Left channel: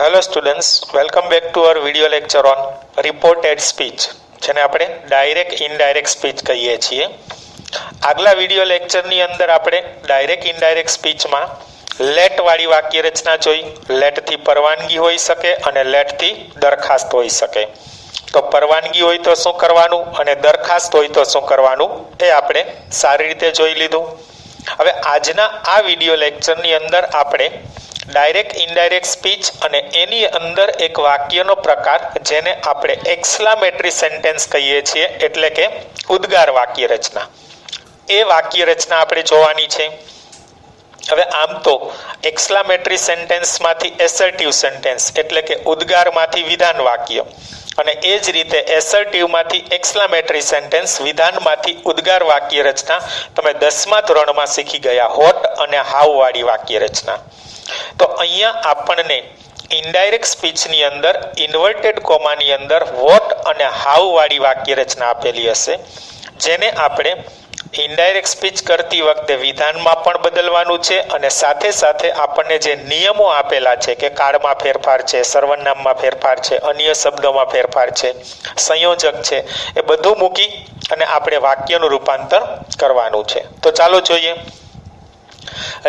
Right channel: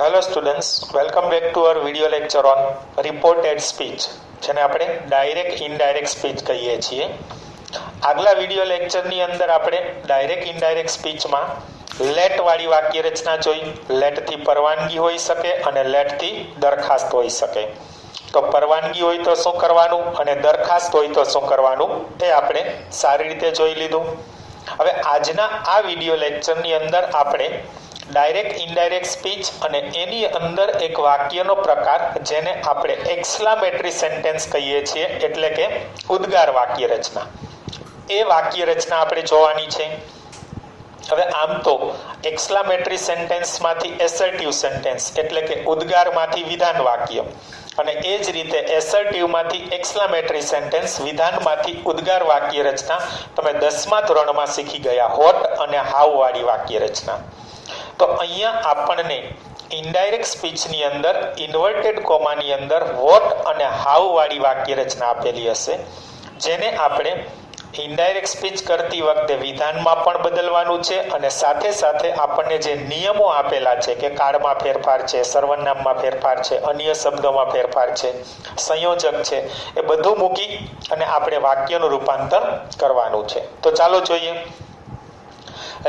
Hello students, welcome back to our video lecture on reported speech, જેને આપણે direct indirect speech કહીએ છીએ. આગલા વિડિયો લેક્ચરની અંદર આપણે ડાયરેક્ટ ઇનડાયરેક્ટ સ્પીચમાં લેટવાળી વાક્ય રચના જોઈ. લેટથી પરવાનગી હોઈ શકે અને લેટથી દરખાસ્ત હોઈ શકે. તો પરવાનગી હોય તો શું કરવાનું અને દરખાસ્ત હોય તો શું કરવાનું એ આપણે સારી રીતે જોઈ લીધું. હવે આજના આ વિડિયો લેક્ચરની અંદર આપણે ડાયરેક્ટ ઇનડાયરેક્ટ સ્પીચ અને એની અંદર એક વાક્યનો પ્રકાર જેને આપણે એક્સક્લામેટરી સેન્ટેન્સ કહીએ છીએ, એટલે કે ઉદ્ગાર વાક્ય રચના, એ વાક્ય રચના આપણે જોવાની છે. હવે આમ તો એક્સક્લામેટરી સેન્ટેન્સમાંથી એસર્ટિવ સેન્ટેન્સ એટલે કે ઉદ્ગારમાંથી વિધાન વાક્ય, અને એ જ રીતે એસર્ટિવમાંથી એક્સક્લામેટરી સેન્ટેન્સ વિધાનમાંથી ઉદ્ગાર વાક્ય રચના તમે 10મા ધોરણમાં શીખી ગયા હોટ અને હાવ વાળી વાક્ય રચના. તો અહીંયા આપણને ઇનડાયરેક્ટ સ્પીચની અંદર ઇન્વર્ટેડ કોમાની અંદર વોટ અને હાવ વાળી વાક્ય રચના આપેલી હશે, જેને આપણે ઇનડાયરેક્ટ સ્પીચ કરતી વખતે વિધાનમાં પણ બદલવાનું છે અને સાથે સાથે આપણને જે નિયમો આપેલા છે કે કાળમાં ફેરફાર છે, સર્વનામમાં ફેરફાર છે, અન્ય શબ્દોમાં ફેરફાર છે, સંયોજક છે, એ બધું મૂકી અને આપણે વાક્યનું રૂપાંતર કરવાનું છે. તો ચાલો જોઈએ.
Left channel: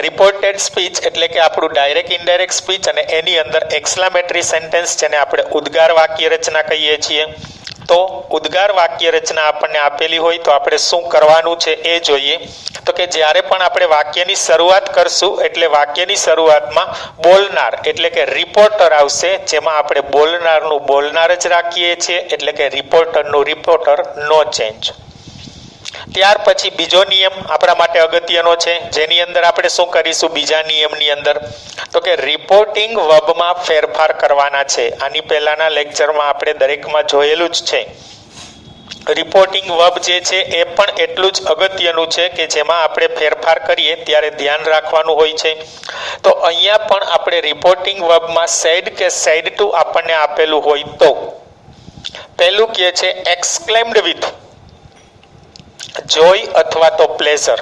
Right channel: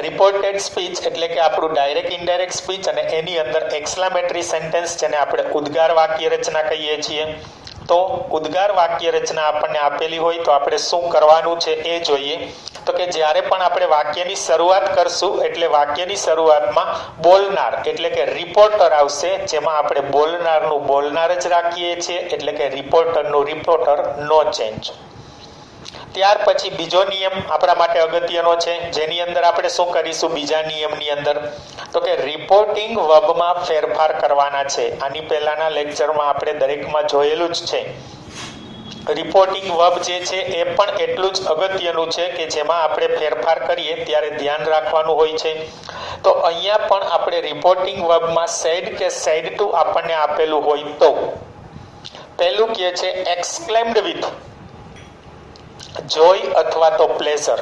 રિપોર્ટેડ સ્પીચ એટલે કે આપણું ડાયરેક્ટ ઇનડાયરેક્ટ સ્પીચ અને એની અંદર એક્સક્લામેટરી સેન્ટેન્સ જેને આપણે ઉદ્ગાર વાક્ય રચના કહીએ છીએ. તો ઉદ્ગાર વાક્ય રચના આપણને આપેલી હોય તો આપણે શું કરવાનું છે એ જોઈએ. તો કે જ્યારે પણ આપણે વાક્યની શરૂઆત કરશું એટલે વાક્યની શરૂઆતમાં બોલનાર એટલે કે રિપોર્ટર આવશે, જેમાં આપણે બોલનારનું બોલનાર જ રાખીએ છીએ, એટલે કે રિપોર્ટરનું રિપોર્ટર, નો ચેન્જ. ત્યાર પછી બીજો નિયમ આપણા માટે અગત્યનો છે, જેની અંદર આપણે શું કરીશું બીજા નિયમની અંદર, તો કે રિપોર્ટિંગ વર્બમાં ફેરફાર કરવાના છે. આની પહેલાના લેક્ચરમાં આપણે દરેકમાં જોયેલું જ છે. રિપોર્ટિંગ વર્બ જે છે એ પણ એટલું જ અગત્યનું છે કે જેમાં આપણે ફેરફાર કરીએ ત્યારે ધ્યાન રાખવાનું હોય છે. તો અહીંયા પણ આપણે રિપોર્ટિંગ વર્બમાં સેડ કે સેડ ટુ આપણને આપેલું હોય તો પહેલું કહે છે એક્સક્લેમ્ડ વિથ જોય અથવા તો પ્લેઝર.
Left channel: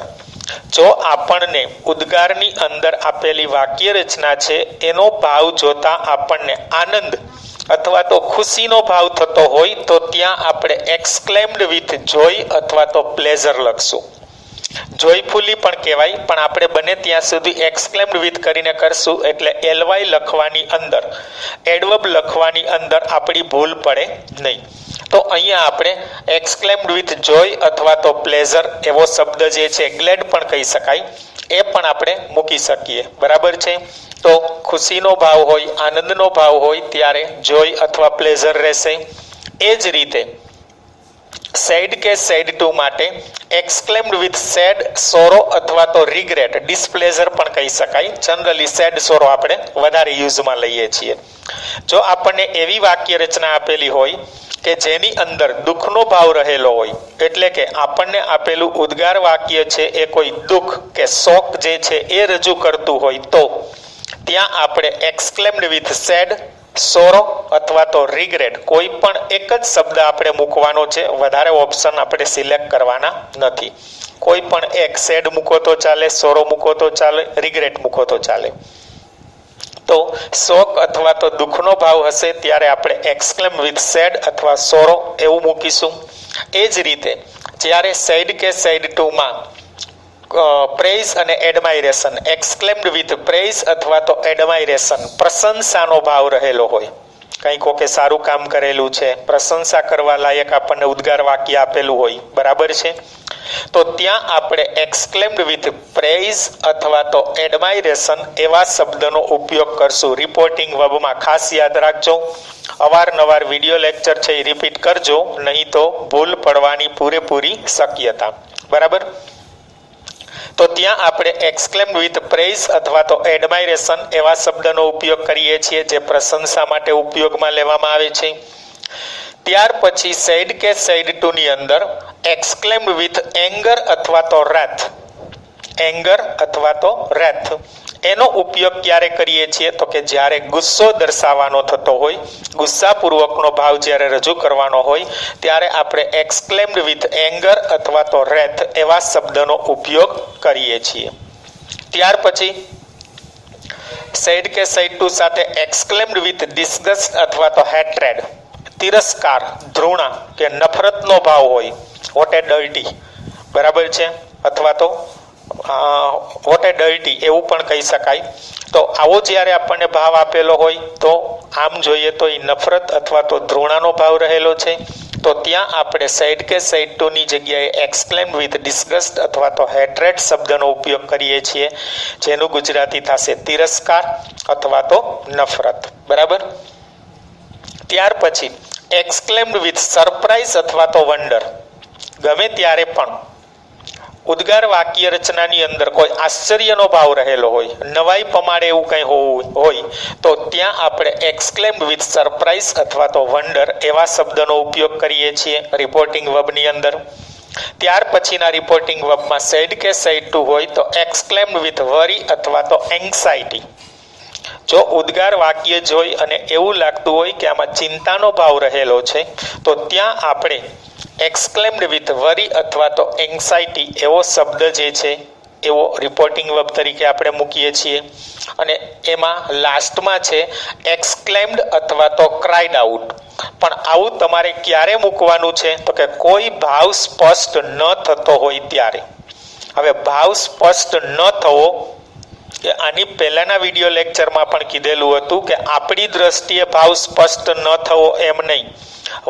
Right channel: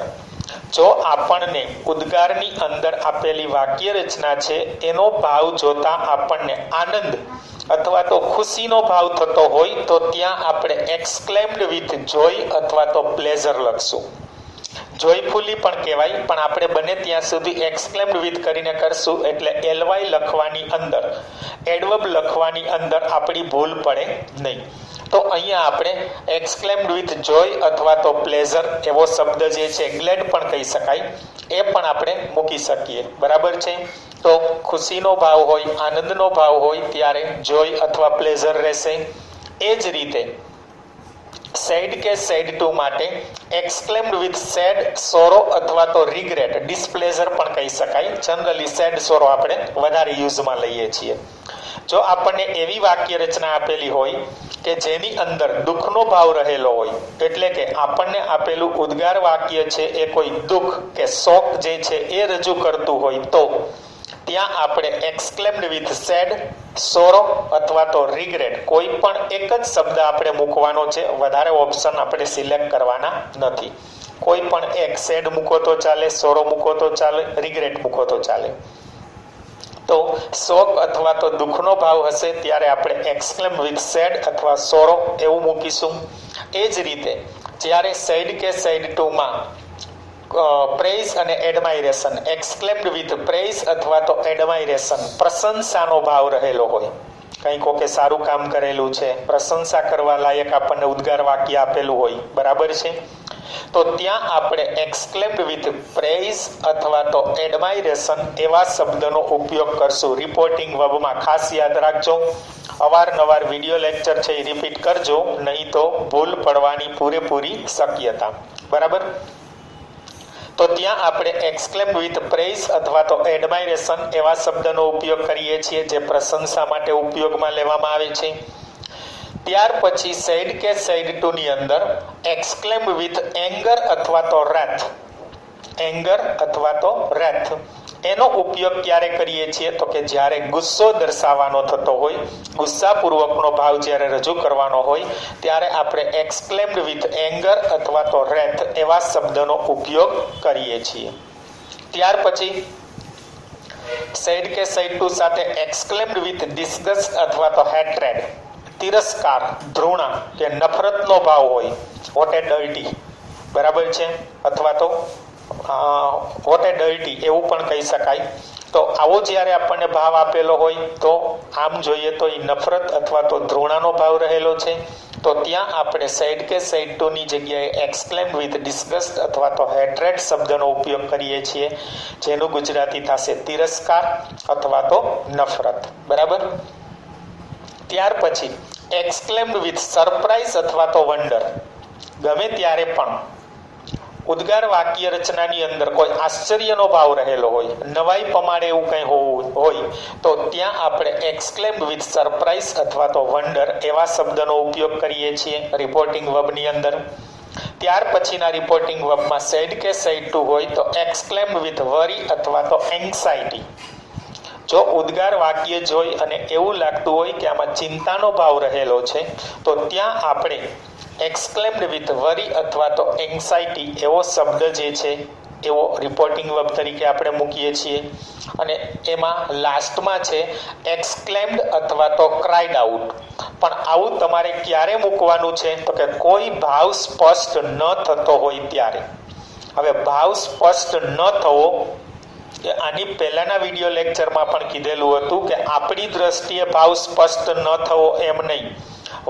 જો આપણને ઉદ્ગારની અંદર આપેલી વાક્ય રચના છે એનો ભાવ જોતા આપણને આનંદ અથવા તો ખુશીનો ભાવ થતો હોય તો ત્યાં આપણે એક્સક્લેમ્ડ વિથ જોય અથવા તો પ્લેઝર લખશું. જોયફુલી પણ કહેવાય, પણ આપણે બને ત્યાં સુધી એક્સક્લેમ્ડ વિથ કરીને કરશું, એટલે એલવાય લખવાની અંદર, એડવર્બ લખવાની અંદર આપણી ભૂલ પડે નહીં. તો અહીંયા આપણે એક્સક્લેમ્ડ વિથ જોય અથવા તો પ્લેઝર એવો શબ્દ જે છે, ગ્લેડ પણ કહી શકાય, એ પણ આપણે મૂકી શકીએ. બરાબર છે. તો ખુશીનો ભાવ હોય, આનંદનો ભાવ હોય ત્યારે જોય અથવા પ્લેઝર રહેશે. એ જ રીતે સેડ કે સેડ ટુ માટે એક્સક્લેમ્ડ વિથ સેડ, સોરો અથવા તો રિગ્રેટ, ડિસ્પ્લેઝર પણ કહી શકાય. જનરલી સેડ, સોરો આપણે વધારે યુઝમાં લઈએ છીએ. જો આપણને એવી વાક્ય રચના આપેલી હોય કે જેની અંદર દુઃખનો ભાવ રહેલો હોય, એટલે કે આપણને આપેલું ઉદ્ગાર વાક્ય છે એ કોઈ દુઃખ કે શોક જે છે એ રજૂ કરતું હોય તો ત્યાં આપણે એક્સક્લેમ્ડ વિથ સેડ, સોરો અથવા તો રિગ્રેટ કોઈ પણ એક જ શબ્દ આપણે મૂકવાનો છે. વધારે ઓપ્શન આપણે સિલેક્ટ કરવાના નથી. કોઈ પણ એક, સેડ મૂકો તો ચાલે, સોરો મૂકો તો ચાલે, રિગ્રેટ મૂકો તો ચાલે. તો શોક અથવા તો દુઃખનો ભાવ હશે ત્યારે આપણે એક્સક્લેમ વિથ સેડ અથવા સોરો એવું મૂકીશું. એ જ રીતે જ્યારે સેડ કે સેડ ટુમાં પ્રેઝ અને એડમાયરેશન, એક્સક્લેમ્ડ વિથ પ્રેઝ અથવા તો એડમાયરેશન, પ્રશંસાનો ભાવ રહેલો હોય, કંઈ કોકે સારું કામ કરેલું છે, પ્રશંસા કરવા લાયક આપણને ઉદ્ગાર વાક્ય આપેલું હોય, બરાબર છે. તો ત્યાં આપણે એક્સક્લેમ્ડ વિથ પ્રેઝ અથવા તો એડમાયરેશન એવા શબ્દનો ઉપયોગ કરશું રિપોર્ટિંગ વર્બમાં. ખાસ યાદ રાખજો, અવારનવાર વિડિયો લેક્ચર છે એ રિપીટ કરજો, નહીં તો ભૂલ પડવાની પૂરેપૂરી શક્યતા. બરાબર. તો ત્યાં આપણે એક્સક્લેમ્ડ વિથ પ્રેઝ અથવા તો એડમાયરેશન એવા શબ્દનો ઉપયોગ કરીએ છીએ જે પ્રશંસા માટે ઉપયોગમાં લેવામાં આવે છે. ત્યાર પછી સેડ કે સેડ ટુ ની અંદર એક્સક્લેમ્ડ વિથ એંગર અથવા તો રેથ, એંગર અથવા તો રેથ એનો ઉપયોગ ક્યારે કરીએ છીએ તો કે જ્યારે ગુસ્સો દર્શાવવાનો થતો હોય, ગુસ્સાપૂર્વકનો ભાવ જ્યારે રજૂ કરવાનો હોય ત્યારે આપણે એક્સક્લેમ્ડ વિથ એંગર અથવા તો રેથ એવા શબ્દનો ઉપયોગ કરીએ છીએ. ત્યાર પછી સેડ કે સેડ ટુ સાથે એક્સક્લેમ્ડ વિથ ડિસ્ગસ્ટ અથવા તો હેટ્રેડ, તિરસ્કાર, ધૃણા કે નફરતનો ભાવ હોય, વોટ એ ડર્ટી, બરાબર છે, અથવા તો વોટ એ ડર્ટી એવું પણ કહી શકાય. તો આવો જ્યારે આપણને ભાવ આપેલો હોય તો આમ જોઈએ તો એ નફરત અથવા તો ધૃણાનો ભાવ રહેલો છે, તો ત્યાં આપણે સેડ કે સેડ ટુની જગ્યાએ એક્સક્લેમ વિથ ડિસ્ગસ્ટ અથવા તો હેટ્રેડ શબ્દનો ઉપયોગ કરીએ છીએ, જેનું ગુજરાતી થશે તિરસ્કાર અથવા તો નફરત. બરાબર. ત્યાર પછી એક્સક્લેમ્ડ વિથ સરપ્રાઇઝ અથવા તો વંડર. ગમે ત્યારે પણ ઉદ્ગાર વાક્ય રચનાની અંદર કોઈ આશ્ચર્યનો ભાવ રહેલો હોય, નવાઈ પમાડે એવું કંઈ હોય તો ત્યાં આપણે એક્સક્લેમ્ડ વિથ સરપ્રાઇઝ અથવા તો વંડર એવા શબ્દનો ઉપયોગ કરીએ છીએ રિપોર્ટિંગ વર્બની અંદર. ત્યાર પછીના રિપોર્ટિંગ વર્બમાં સેડ કે સેડ ટુ હોય તો એક્સક્લેમ્ડ વિથ વરી અથવા તો એન્ઝાઇટી. જો ઉદ્ગાર વાક્ય જોઈ અને એવું લાગતું હોય કે આમાં ચિંતાનો ભાવ રહેલો છે તો ત્યાં આપણે એક્સક્લેમ્ડ વિથ વરી અથવા તો એન્ઝાઇટી એવો શબ્દ જે છે એવો રિપોર્ટિંગ વર્બ તરીકે આપણે મૂકીએ છીએ. અને એમાં લાસ્ટમાં છે એક્સક્લેમ્ડ અથવા તો ક્રાઇડ આઉટ. પણ આવું તમારે ક્યારે મૂકવાનું છે તો કે કોઈ ભાવ સ્પષ્ટ ન થતો હોય ત્યારે. હવે ભાવ સ્પષ્ટ ન થવો કે આની પહેલાના વિડીયો લેક્ચરમાં પણ કીધેલું હતું કે આપણી દ્રષ્ટિએ ભાવ સ્પષ્ટ ન થવો એમ નહીં,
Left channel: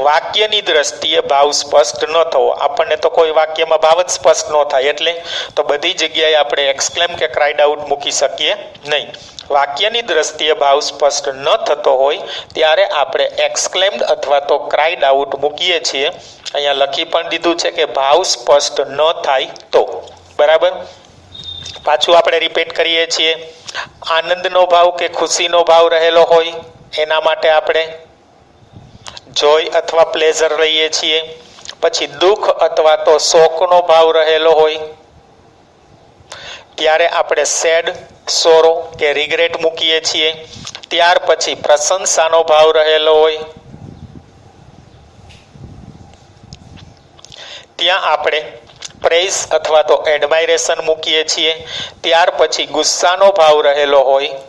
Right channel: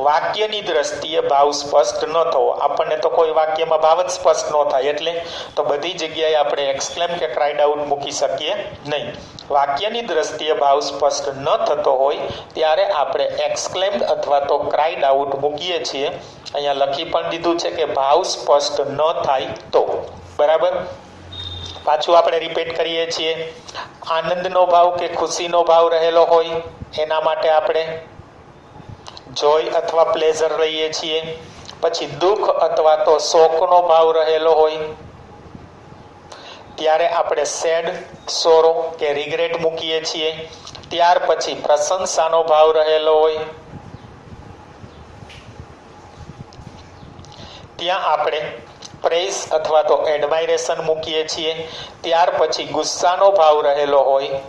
વાક્યની દ્રષ્ટિએ ભાવ સ્પષ્ટ ન થવો. આપણને તો કોઈ વાક્યમાં ભાવ જ સ્પષ્ટ ન થાય એટલે તો બધી જગ્યાએ આપણે એક્સક્લેમ કે ક્રાઇડ આઉટ મૂકી શકીએ નહીં. વાક્યની દ્રષ્ટિએ ભાવ સ્પષ્ટ ન થતો હોય ત્યારે આપણે એક્સક્લેમ્ડ અથવા તો ક્રાઇડ આઉટ મૂકીએ છીએ. અહીંયા લખી પણ દીધું છે કે ભાવ સ્પષ્ટ ન થાય તો. બરાબર. પાછું આપણે રિપીટ કરીએ છીએ. આનંદનો ભાવ કે ખુશીનો ભાવ રહેલો હોય એના માટે આપણે જોય અથવા પ્લેઝર લઈએ છીએ. પછી દુઃખ અથવા તો શોકનો ભાવ રહેલો હોય ત્યારે આપણે સેડ, સોરો કે રિગ્રેટ મૂકીએ છીએ. ત્યાર પછી પ્રશંસાનો ભાવ રહેલો હોય ત્યાં આપણે પ્રેઝ અથવા તો એડમાયરેશન મૂકીએ છીએ. ત્યાર પછી ગુસ્સાનો ભાવ રહેલો હોય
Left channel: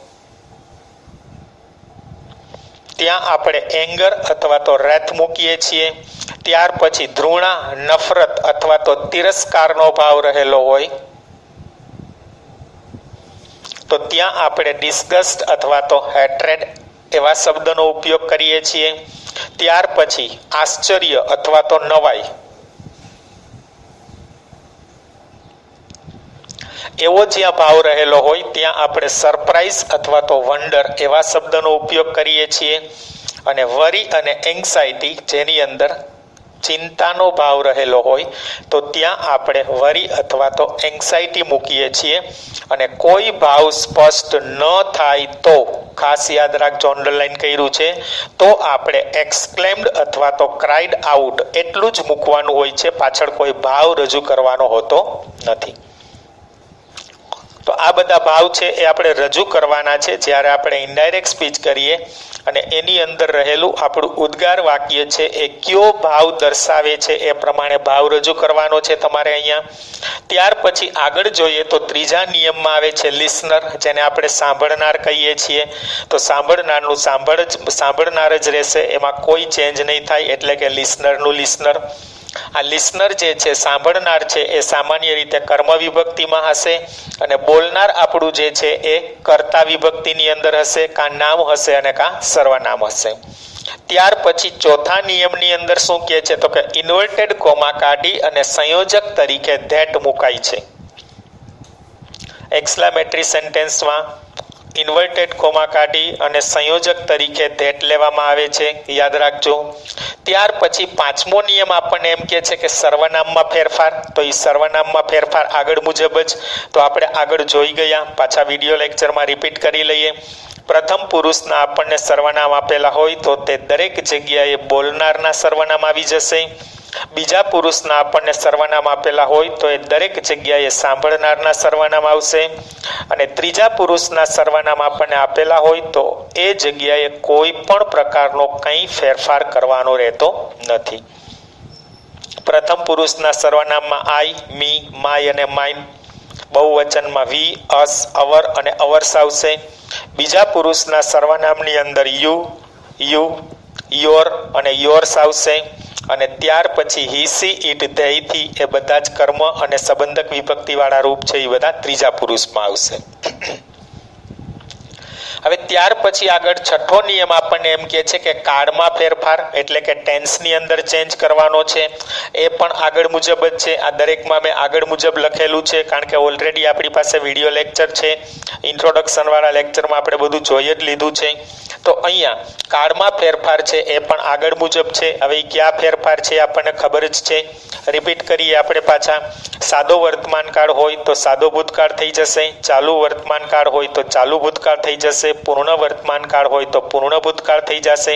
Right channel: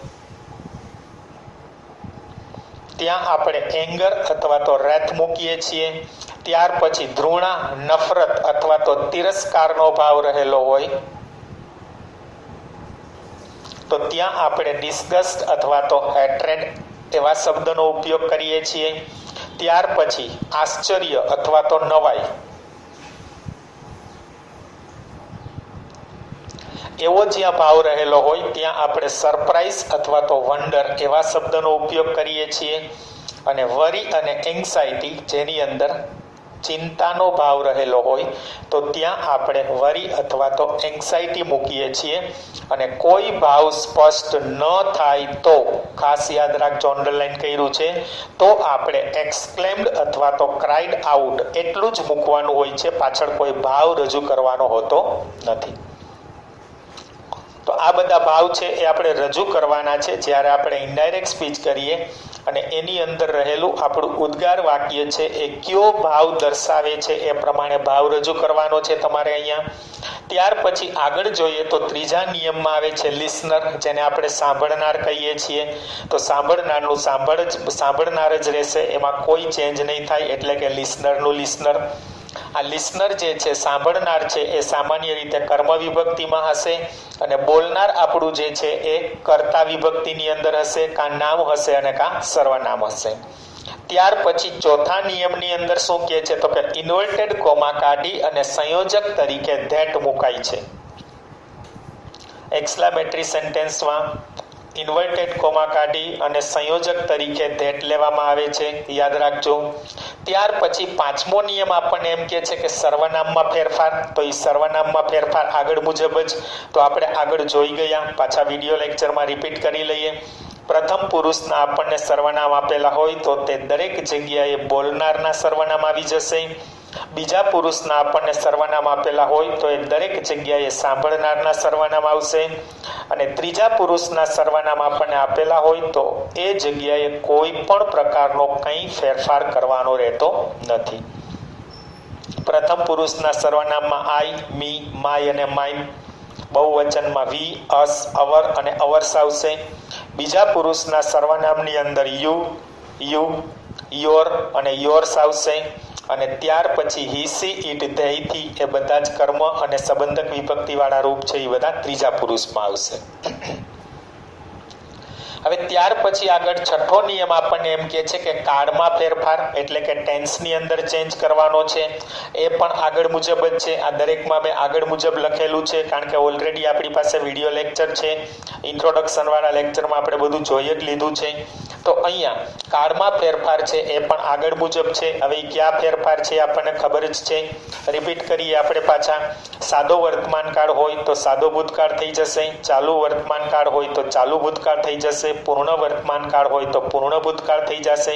ત્યાં આપણે એંગર અથવા તો રેથ મૂકીએ છીએ. ત્યાર પછી ધૃણા, નફરત અથવા તો તિરસ્કારનો ભાવ રહેલો હોય તો ત્યાં આપણે ડિસ્ગસ્ટ અથવા તો હેટ્રેડ એવા શબ્દનો ઉપયોગ કરીએ છીએ. ત્યાર પછી આશ્ચર્ય અથવા તો નવાઈ એવો જ્યાં ભાવ રહેલો હોય ત્યાં આપણે સરપ્રાઇઝ અથવા તો વંડર એવા શબ્દનો ઉપયોગ કરીએ છીએ. અને વરી અને એન્ઝાઇટી જેની અંદર ચિંતાનો ભાવ રહેલો હોય તો ત્યાં આપણે વરી અથવા તો એન્ઝાઇટી મૂકીએ છીએ. અને કોઈ ભાવ સ્પષ્ટ ન થાય તો ખાસ યાદ રાખજો, અંડરલાઈન કર્યું છે, તો આપણે એક્સક્લેમ્ડ અથવા તો ક્રાઇડ આઉટ એટલું જ મૂકવાનું હોય છે, પાછળ કોઈ ભાવ રજૂ કરવાનો હોતો નથી. તો આ બધા ભાવ છે એ આપણે રજૂ કરવાના છે જ્યારે આપણે ઇનડાયરેક્ટ સ્પીચ કરીએ અને એની અંદર રહેલું આપણું ઉદ્ગાર વાક્ય છે એ કયો ભાવ દર્શાવે છે એ પ્રમાણે ભાવ રજૂ કરવાનો છે તમારે અહીંયા. ત્યાર પછી આગળ જોઈએ તો ત્રીજા નિયમમાં આવે છે લિસનર, જેને આપણે સાંભળનાર કહીએ છીએ. તો સાંભળનારનું સાંભળનાર જ રહેશે, એમાં કોઈ ચેન્જ નહીં થાય, એટલે કે લિસનરનું લિસનર. આ લિસનર જે છે, સાંભળનાર છે, એ સામાન્ય રીતે કર્મ વિભક્તિમાં હશે અને બોલનાર આપણું જે છે એ કર્તા વિભક્તિની અંદર હશે, કાં નામ હશે અને કાં સર્વનામ હશે. ત્યાર પછી ચોથા નિયમની અંદર શું કહે છે તો કે ઇન્વર્ટેડ કોમા કાઢી અને સંયોજક તરીકે ધેટ મુકાય છે. એક્સક્લેમેટરી સેન્ટેન્સમાં ઇન્વર્ટેડ કોમા કાઢી અને સંયોજક તરીકે ધેટ લેવામાં આવે છે, યાદ રાખજો. ત્યાર પછી પાંચમો નિયમ આપણને એમ કહે છે કે સર્વનામમાં ફેરફાર. તો એ સર્વનામમાં ફેરફાર આગળ મુજબ જ તો આપણે આગળ જોઈ ગયા, પાછા વિડીયો લેક્ચરમાં રિપીટ કરી લઈએ. પ્રથમ પુરુષના આપણને સર્વનામ આપેલા હોય તો તે દરેક જગ્યાએ બોલનારના સર્વનામ આવી જશે. બીજા પુરુષના આપણને સર્વનામ આપેલા હોય તો એ દરેક જગ્યાએ સાંભળનારના સર્વનામ આવશે. અને ત્રીજા પુરુષના સર્વનામ આપણને આપેલા હોય તો એ જગ્યાએ કોઈ પણ પ્રકારનો કંઈ ફેરફાર કરવાનો રહેતો નથી. પ્રથમ પુરુષના સર્વનામમાં આઈ, મી, માય અને માઇન બહુવચનમાં વી, અસ, અવર અને અવર્સ આવશે. બીજા પુરુષના સર્વનામની અંદર યુ, યોર અને યોર્સ આવશે. અને ત્યાર પછી હી, સી, ઇટ, ધેય, થી એ બધા જ કર્મ અને સંબંધક વિભક્તિવાળા રૂપ છે એ બધા ત્રીજા પુરુષમાં આવશે. હવે ત્યાર પછી આગળ છઠ્ઠો નિયમ આપણને એમ કહે છે કે કાળમાં ફેરફાર એટલે કે ટેન્સની અંદર ચેન્જ કરવાનો છે. એ પણ આગળ મુજબ જ છે. આ દરેકમાં મેં આગળ મુજબ લખેલું છે કારણ કે ઓલરેડી આપણી પાસે વિડીયો લેક્ચર છે. ઇન્ટ્રોડક્શનવાળા લેક્ચરમાં આપણે બધું જોઈ જ લીધું છે. તો અહીંયા કાળમાં ફેરફાર છે એ પણ આગળ મુજબ છે. હવે ક્યાં ફેરફાર છે આપણને ખબર જ છે. રિપીટ કરીએ આપણે પાછા. સાદો વર્તમાન કાળ હોય તો સાદો ભૂતકાળ થઈ જશે. ચાલુ વર્તમાન કાળ હોય તો ચાલુ ભૂતકાળ થઈ જશે. પૂર્ણ વર્તમાન કાળ હોય તો પૂર્ણ ભૂતકાળ થઈ જશે.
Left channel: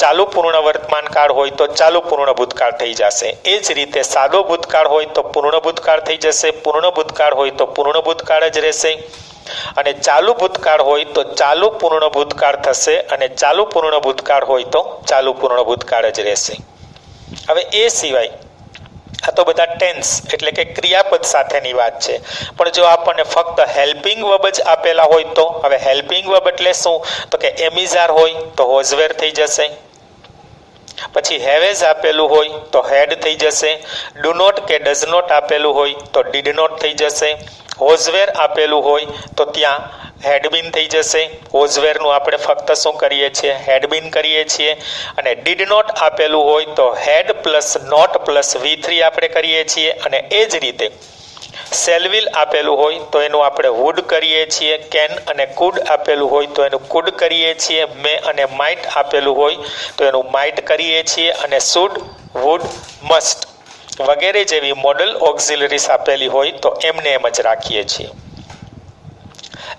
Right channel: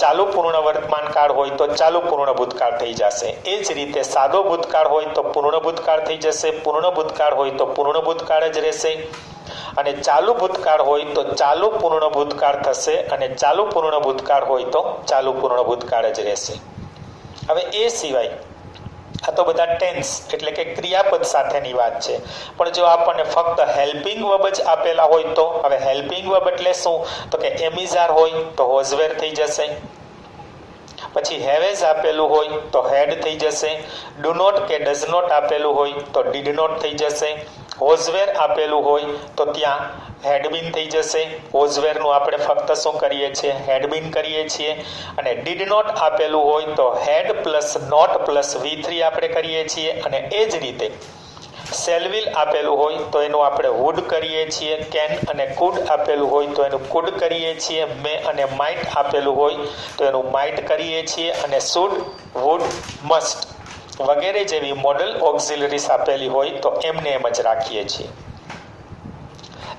ચાલુ પૂર્ણ વર્તમાન કાળ હોય તો ચાલુ પૂર્ણ ભૂતકાળ થઈ જશે. એ જ રીતે સાદો ભૂતકાળ હોય તો પૂર્ણ ભૂતકાળ થઈ જશે. પૂર્ણ ભૂતકાળ હોય તો પૂર્ણ ભૂતકાળ જ રહેશે. અને ચાલુ ભૂતકાળ હોય તો ચાલુ પૂર્ણ ભૂતકાળ થશે. અને ચાલુ પૂર્ણ ભૂતકાળ હોય તો ચાલુ પૂર્ણ ભૂતકાળ જ રહેશે. હવે એ સિવાય આ તો બધા ટેન્સ એટલે કે ક્રિયાપદ સાથેની વાત છે. પણ જો આપણને ફક્ત હેલ્પિંગ વર્બ જ આપેલા હોય તો હવે હેલ્પિંગ વર્બ એટલે શું? તો કે એમિઝાર હોય તો હોઝવેર થઈ જશે. પછી હેવેઝ આપેલું હોય તો હેડ થઈ જશે. ડુ નોટ કે ડઝ નોટ આપેલું હોય તો ડીડ નોટ થઈ જશે. હોઝવેર આપેલું હોય તો ત્યાં હેડબીન થઈ જશે. હોઝવેરનું આપણે ફક્ત શું કરીએ છીએ? હેડબીન કરીએ છીએ. અને ડીડ નોટ આપેલું હોય તો had plus not plus V3 આપણે કરીએ છીએ. અને એ જ રીતે સેલવિલ આપેલું હોય તો એનું આપણે વુડ કરીએ છીએ. કેન અને કુડ આપેલું હોય તો એનું કુડ કરીએ છીએ. મે અને માઇટ આપેલું હોય તો એનું માઇટ કરીએ છીએ. અને શુડ, વુડ, મસ્ટ વગેરે જેવી મોડલ ઓક્ઝિલરીઝ આપેલી હોય તો એમને એમ જ રાખીએ છીએ.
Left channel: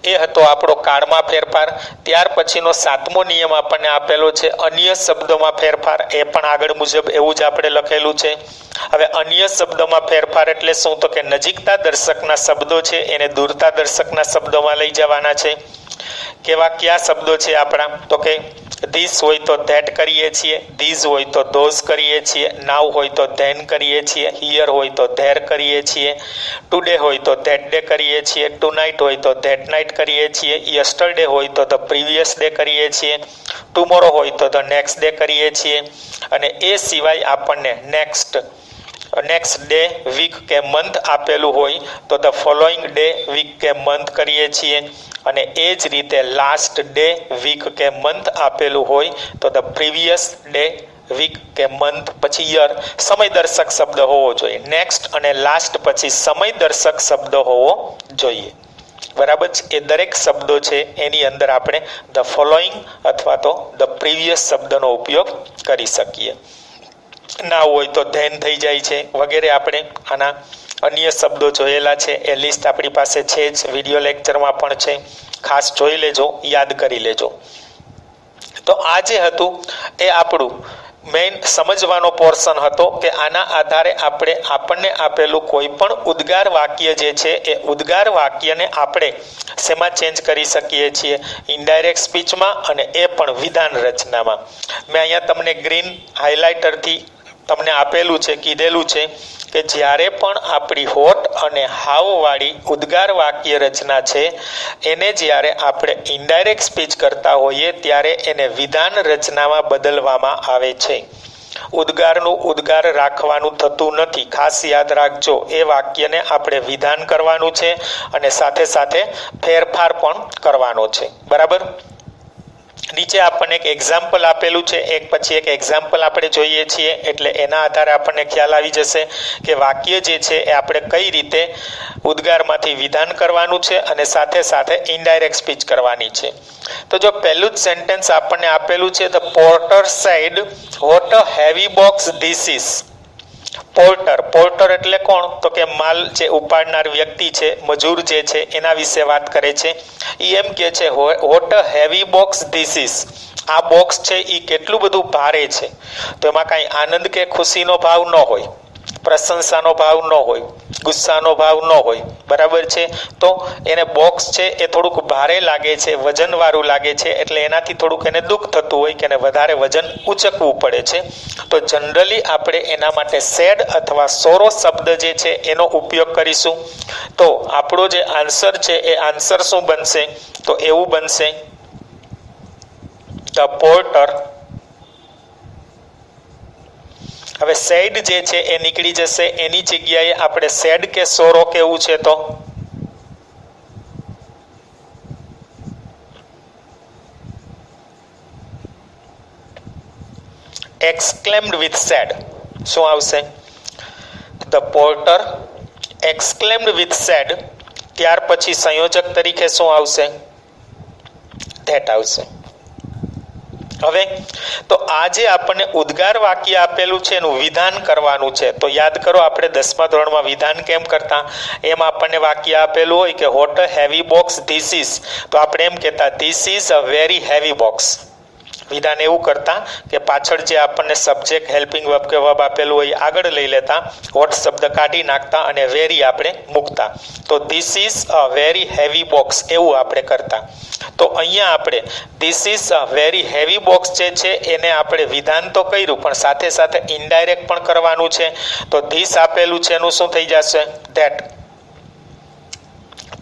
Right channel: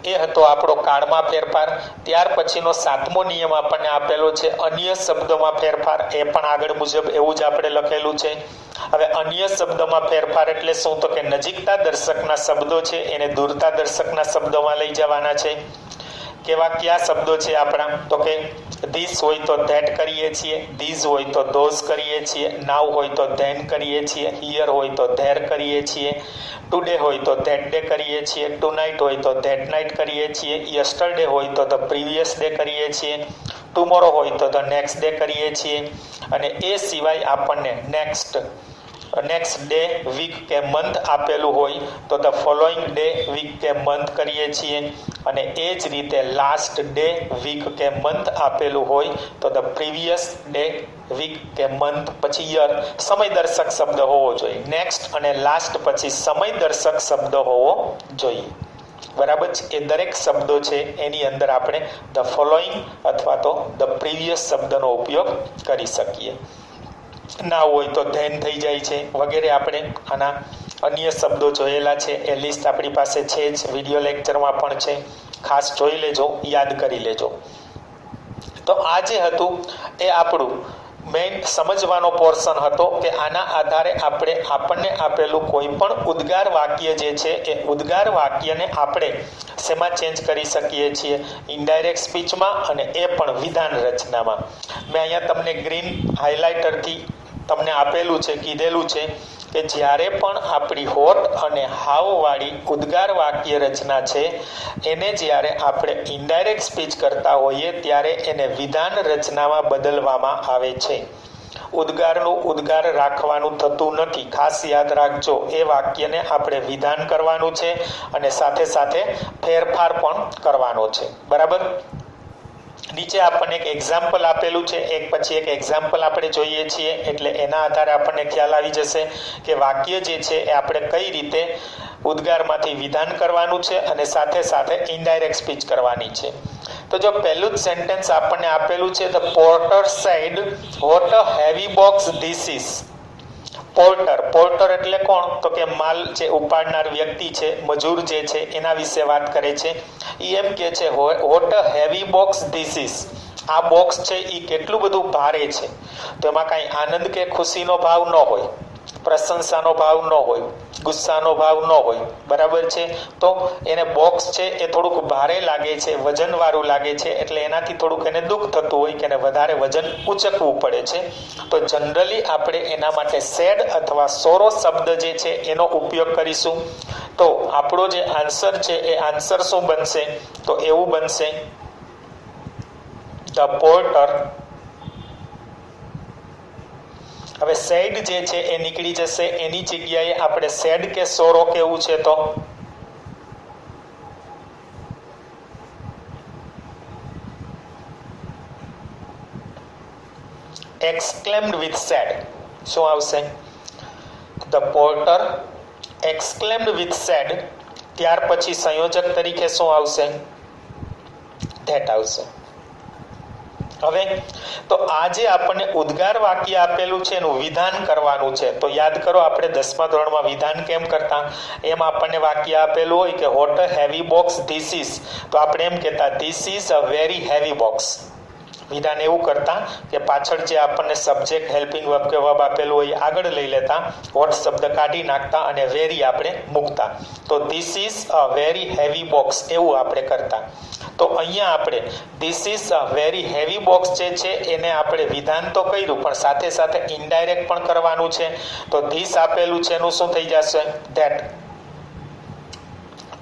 એ હતો આપણો કાળમાં ફેરફાર. ત્યાર પછીનો સાતમો નિયમ આપણને આપેલો છે અન્ય શબ્દોમાં ફેરફાર. એ પણ આગળ મુજબ એવું જ આપણે લખેલું છે. હવે અન્ય શબ્દોમાં ફેરફાર એટલે શું? તો કે નજીકતા દર્શકના શબ્દો છે એને દૂરતા દર્શકના શબ્દોમાં લઈ જવાના છે. કેવા કયા શબ્દો છે આપણા? તો કે ધીસ હોય તો ધેટ કરીએ છીએ. ધીઝ હોય તો ધોઝ કરીએ છીએ. નાવ હોય તો ધેન કરીએ છીએ. હિયર હોય તો ધેર કરીએ છીએ. ટુડે હોય તો ધેટ ડે કરીએ છીએ. ટુ નાઇટ હોય તો ધેટ નાઇટ કરીએ છીએ. યસ્ટરડે હોય તો ધ પ્રીવિયસ ડે કરીએ છીએ. ટુમોરો હોય તો ધ નેક્સ્ટ ડે કરીએ છીએ. અને એ સિવાય આપણને નેક્સ્ટ ડે, વીક કે મંથ આપેલું હોય તો ધ ફોલોઈંગ ડે, વીક કે મંથ કરીએ છીએ. અને એ જ રીતે લાસ્ટ ડે, વીક કે મંથ આપેલું હોય તો ધ પ્રીવિયસ ડે, વીક કે મંથ પછી યર. સમયદર્શક શબ્દ હોવો જોઈએ. નેક્સ્ટ અને લાસ્ટ પછી સમયદર્શક શબ્દ હોવો જોઈએ. બરાબર છે. એ દરેક શબ્દો છે એની અંદર આપણે ધ ફોલોઈંગ અથવા તો ધ પ્રીવિયસ શબ્દનો ઉપયોગ કરી શકીએ. ના હોય તો ધેન થઈ જાય છે વગેરે. આપણે આના અન્ય શબ્દો જોયેલા છે. એ લિસ્ટ આપણી પાસે છે જ. વિડીયો લેક્ચરમાં પણ છે. ખાસ જોઈ લેજો, યાદ કરી લેજો. તો આ જે હતું એ આપણું મેઇન સમજવાનો પોર્શન હતો કે આના આધારે આપણને આપેલું કોઈ પણ ઉદ્ગાર વાક્ય જે છે એ ઉદ્ગાર વાક્યને આપણે શેમાં ચેન્જ કરી શકીએ છીએ? ઇનડાયરેક્ટ સ્પીચમાં અને એ પણ વિધાન રચનામાં. મેં અહીંયા તમને ગ્રીન હાઇલાઇટરથી તમને આપેલું છે, કીધેલું છે કે જ્યારે પણ આપણી હોટ અને હાવવાળી ઉદ્ગાર વાક્ય રચના છે એને જ્યારે આપણે ઇનડાયરેક્ટ સ્પીચ કરતા હોઈએ ત્યારે એને વિધાન રચનામાં બદલવામાં આવે છે. ઉદ્ગારનું ઉદ્ગાર રાખવાનું થતું નથી. ખાસ યાદ રાખજો. એ વાક્યને આપણે વિધાન કરવાનું છે અને સાથે સાથે ફેરફાર પણ કરવાનો છે. બરાબર. નીચે આપણને એક એક્ઝામ્પલ આપેલું છે. એક પછી એક એક્ઝામ્પલ આપણે જોઈએ છીએ એટલે એના આધારે આપણને ખ્યાલ આવી જશે કે વાક્ય જે છે એ આપણે કઈ રીતે ઉદ્ગારમાંથી વિધાન કરવાનું છે અને સાથે સાથે ઇનડાયરેક્ટ સ્પીચ કરવાની છે. તો જો પહેલું જ સેન્ટેન્સ આપણને આપેલું છે the porter said what a heavy box this is. Porter એટલે કોણ? તો કે માલ જે ઉપાડનાર વ્યક્તિ છે, મજૂર જે છે એના વિશે વાત કરે છે. એ એમ કે છે what a heavy box this is. આ બોક્સ છે એ કેટલું બધું ભારે છે. તો એમાં કાંઈ આનંદ કે ખુશીનો ભાવ ન હોય. પ્રશંસાનો ભાવ ન હોય, ગુસ્સાનો ભાવ ન હોય, બરાબર છે, તો એને બોક્સ છે એ થોડુંક ભારે લાગે છે, વજનવાળું લાગે છે, એટલે એનાથી થોડુંક એને દુઃખ થતું હોય કે એને વધારે વજન ઉચકવું પડે છે. તો જનરલી આપણે એના માટે સેડ અથવા સોરો શબ્દ જે છે એનો ઉપયોગ કરીશું. તો આપણો જે આન્સર છે એ આન્સર શું બનશે? તો એવું બનશે, ધ પોર્ટર. હવે સેડ જે છે એ નીકળી જશે, એની જગ્યાએ આપણે સેડ કે સોરો કેવું છે? તો exclaimed with sad. શું આવશે? the porter exclaimed with sad. ત્યાર પછી સંયોજક તરીકે શું આવશે? that આવશે. હવે તો આ જે આપણને ઉદ્ગાર વાક્ય આપેલું છે એનું વિધાન કરવાનું છે. તો યાદ કરો, આપણે 10મા ધોરણમાં વિધાન કેમ કરતા? એમ આપણને વાક્ય આપેલું હોય કે what a heavy box this is, તો આપણે એમ કહેતા this is a very heavy box. વિધાન એવું કરતા કે પાછળ જે આપણને સબ્જેક્ટ હેલ્પિંગ વર્બ કે વર્બ આપેલું હોય આગળ લઈ લેતા, વોટ શબ્દ કાઢી નાખતા અને વેરી આપણે મૂકતા. તો this is a very heavy box એવું આપણે કરતા. તો અહીંયા આપણે this is a very heavy box જે છે એને આપણે વિધાન તો કર્યું, પણ સાથે સાથે ઇનડાયરેક્ટ પણ કરવાનું છે. તો ધીસ આપેલું છે એનું શું થઈ જશે? ધેટ.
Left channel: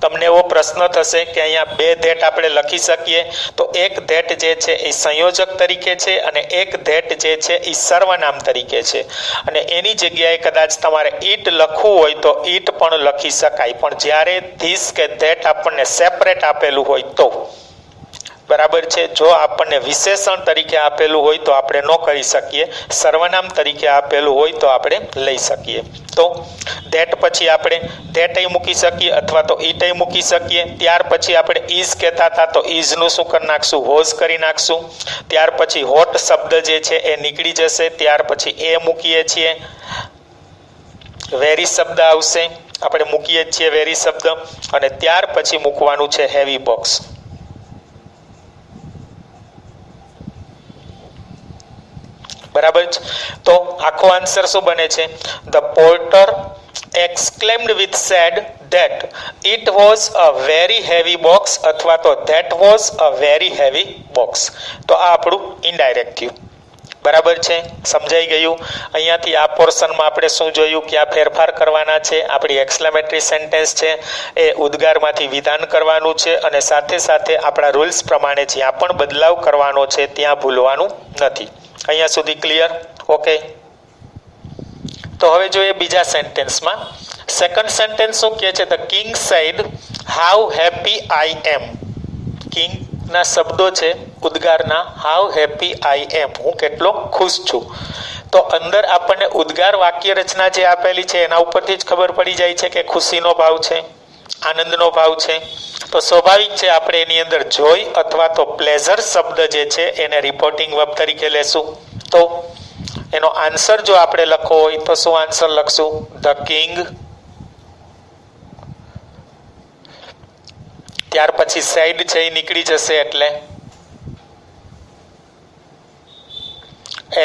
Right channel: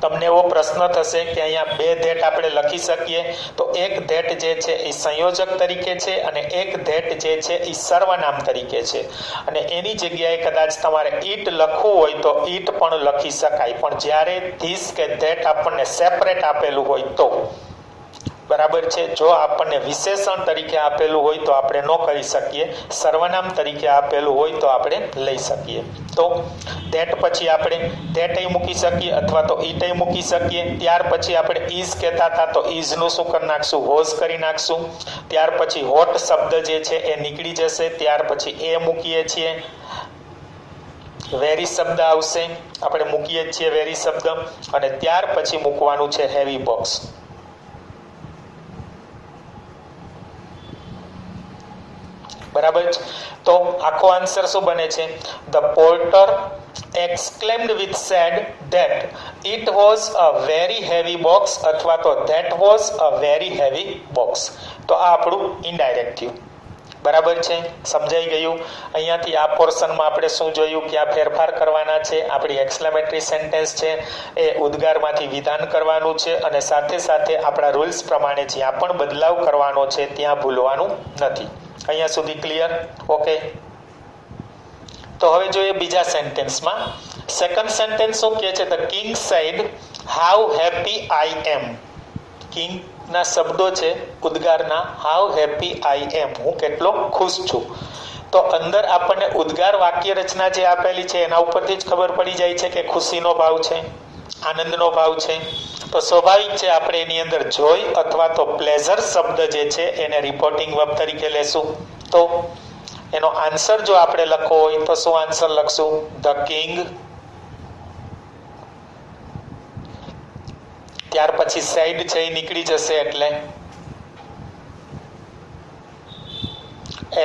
તમને એવો પ્રશ્ન થશે કે અહીંયા બે ધેટ આપણે લખી શકીએ, તો એક ધેટ જે છે એ સંયોજક તરીકે છે અને એક ધેટ જે છે એ સર્વનામ તરીકે છે. અને એની જગ્યાએ કદાચ તમારે ઈટ લખવું હોય તો ઈટ પણ લખી શકાય, પણ જ્યારે ધીસ કે ધેટ આપણને સેપરેટ આપેલું હોય તો, બરાબર છે, જો આપણને વિશેષણ તરીકે આપેલું હોય તો આપણે ન કરી શકીએ, સર્વનામ તરીકે આપેલું હોય તો આપણે લઈ શકીએ. તો ધેટ પછી આપણે ધેટય મૂકી શકીએ અથવા તો ઈટય મૂકી શકીએ. ત્યાર પછી આપણે ઇઝ કહેતા હતા તો ઇઝનું શું કરી નાખશું? વોઝ કરી નાખશું. ત્યાર પછી હોટ શબ્દ જે છે એ નીકળી જશે. ત્યાર પછી એ મૂકીએ છીએ, વેરી શબ્દ આવશે, આપણે મૂકીએ જ છીએ વેરી શબ્દ. અને ત્યાર પછી મૂકવાનું છે હેવી બોક્સ. બરાબર છે. તો આખો આન્સર શું બને છે? The porter exclaimed with sad that it was a very heavy box અથવા તો that was a very heavy box. તો આ આપણું ઇનડાયરેક્ટ થયું. બરાબર છે, સમજાઈ ગયું? અહીંયાથી આ પોર્શનમાં આપણે શું જોયું? ક્યાં ફેરફાર કરવાના છે? આપણી એક્સક્લેમેટરી સેન્ટેન્સ છે એ ઉદ્ગારમાંથી વિધાન કરવાનું છે, અને સાથે સાથે આપણા રૂલ્સ પ્રમાણે જ્યાં પણ બદલાવ કરવાનો છે ત્યાં ભૂલવાનું નથી. અહીંયા સુધી ક્લિયર? ઓકે. તો હવે જોઈએ બીજા સેન્ટેન્સમાં. સેકન્ડ સેન્ટેન્સ શું કહે છે? The king said how happy I am. કિંગના શબ્દો છે ઉદ્ગારના, હાઉ હેપી આઈ એમ, હું કેટલો ખુશ છું. તો અંદર આપણને ઉદ્ગાર વાક્ય રચના જે આપેલી છે એના ઉપરથી જ ખબર પડી જાય છે કે ખુશીનો ભાવ છે, આનંદનો ભાવ છે. તો સ્વાભાવિક છે આપણે એની અંદર જોય અથવા તો પ્લેઝર શબ્દ જે છે એને રિપોર્ટિંગ વર્બ તરીકે લેશું. તો એનો આન્સર જો આપણે લખવો હોય તો શું આન્સર લખશું? The king. ત્યાર પછી સાઈડ છે એ નીકળી જશે એટલે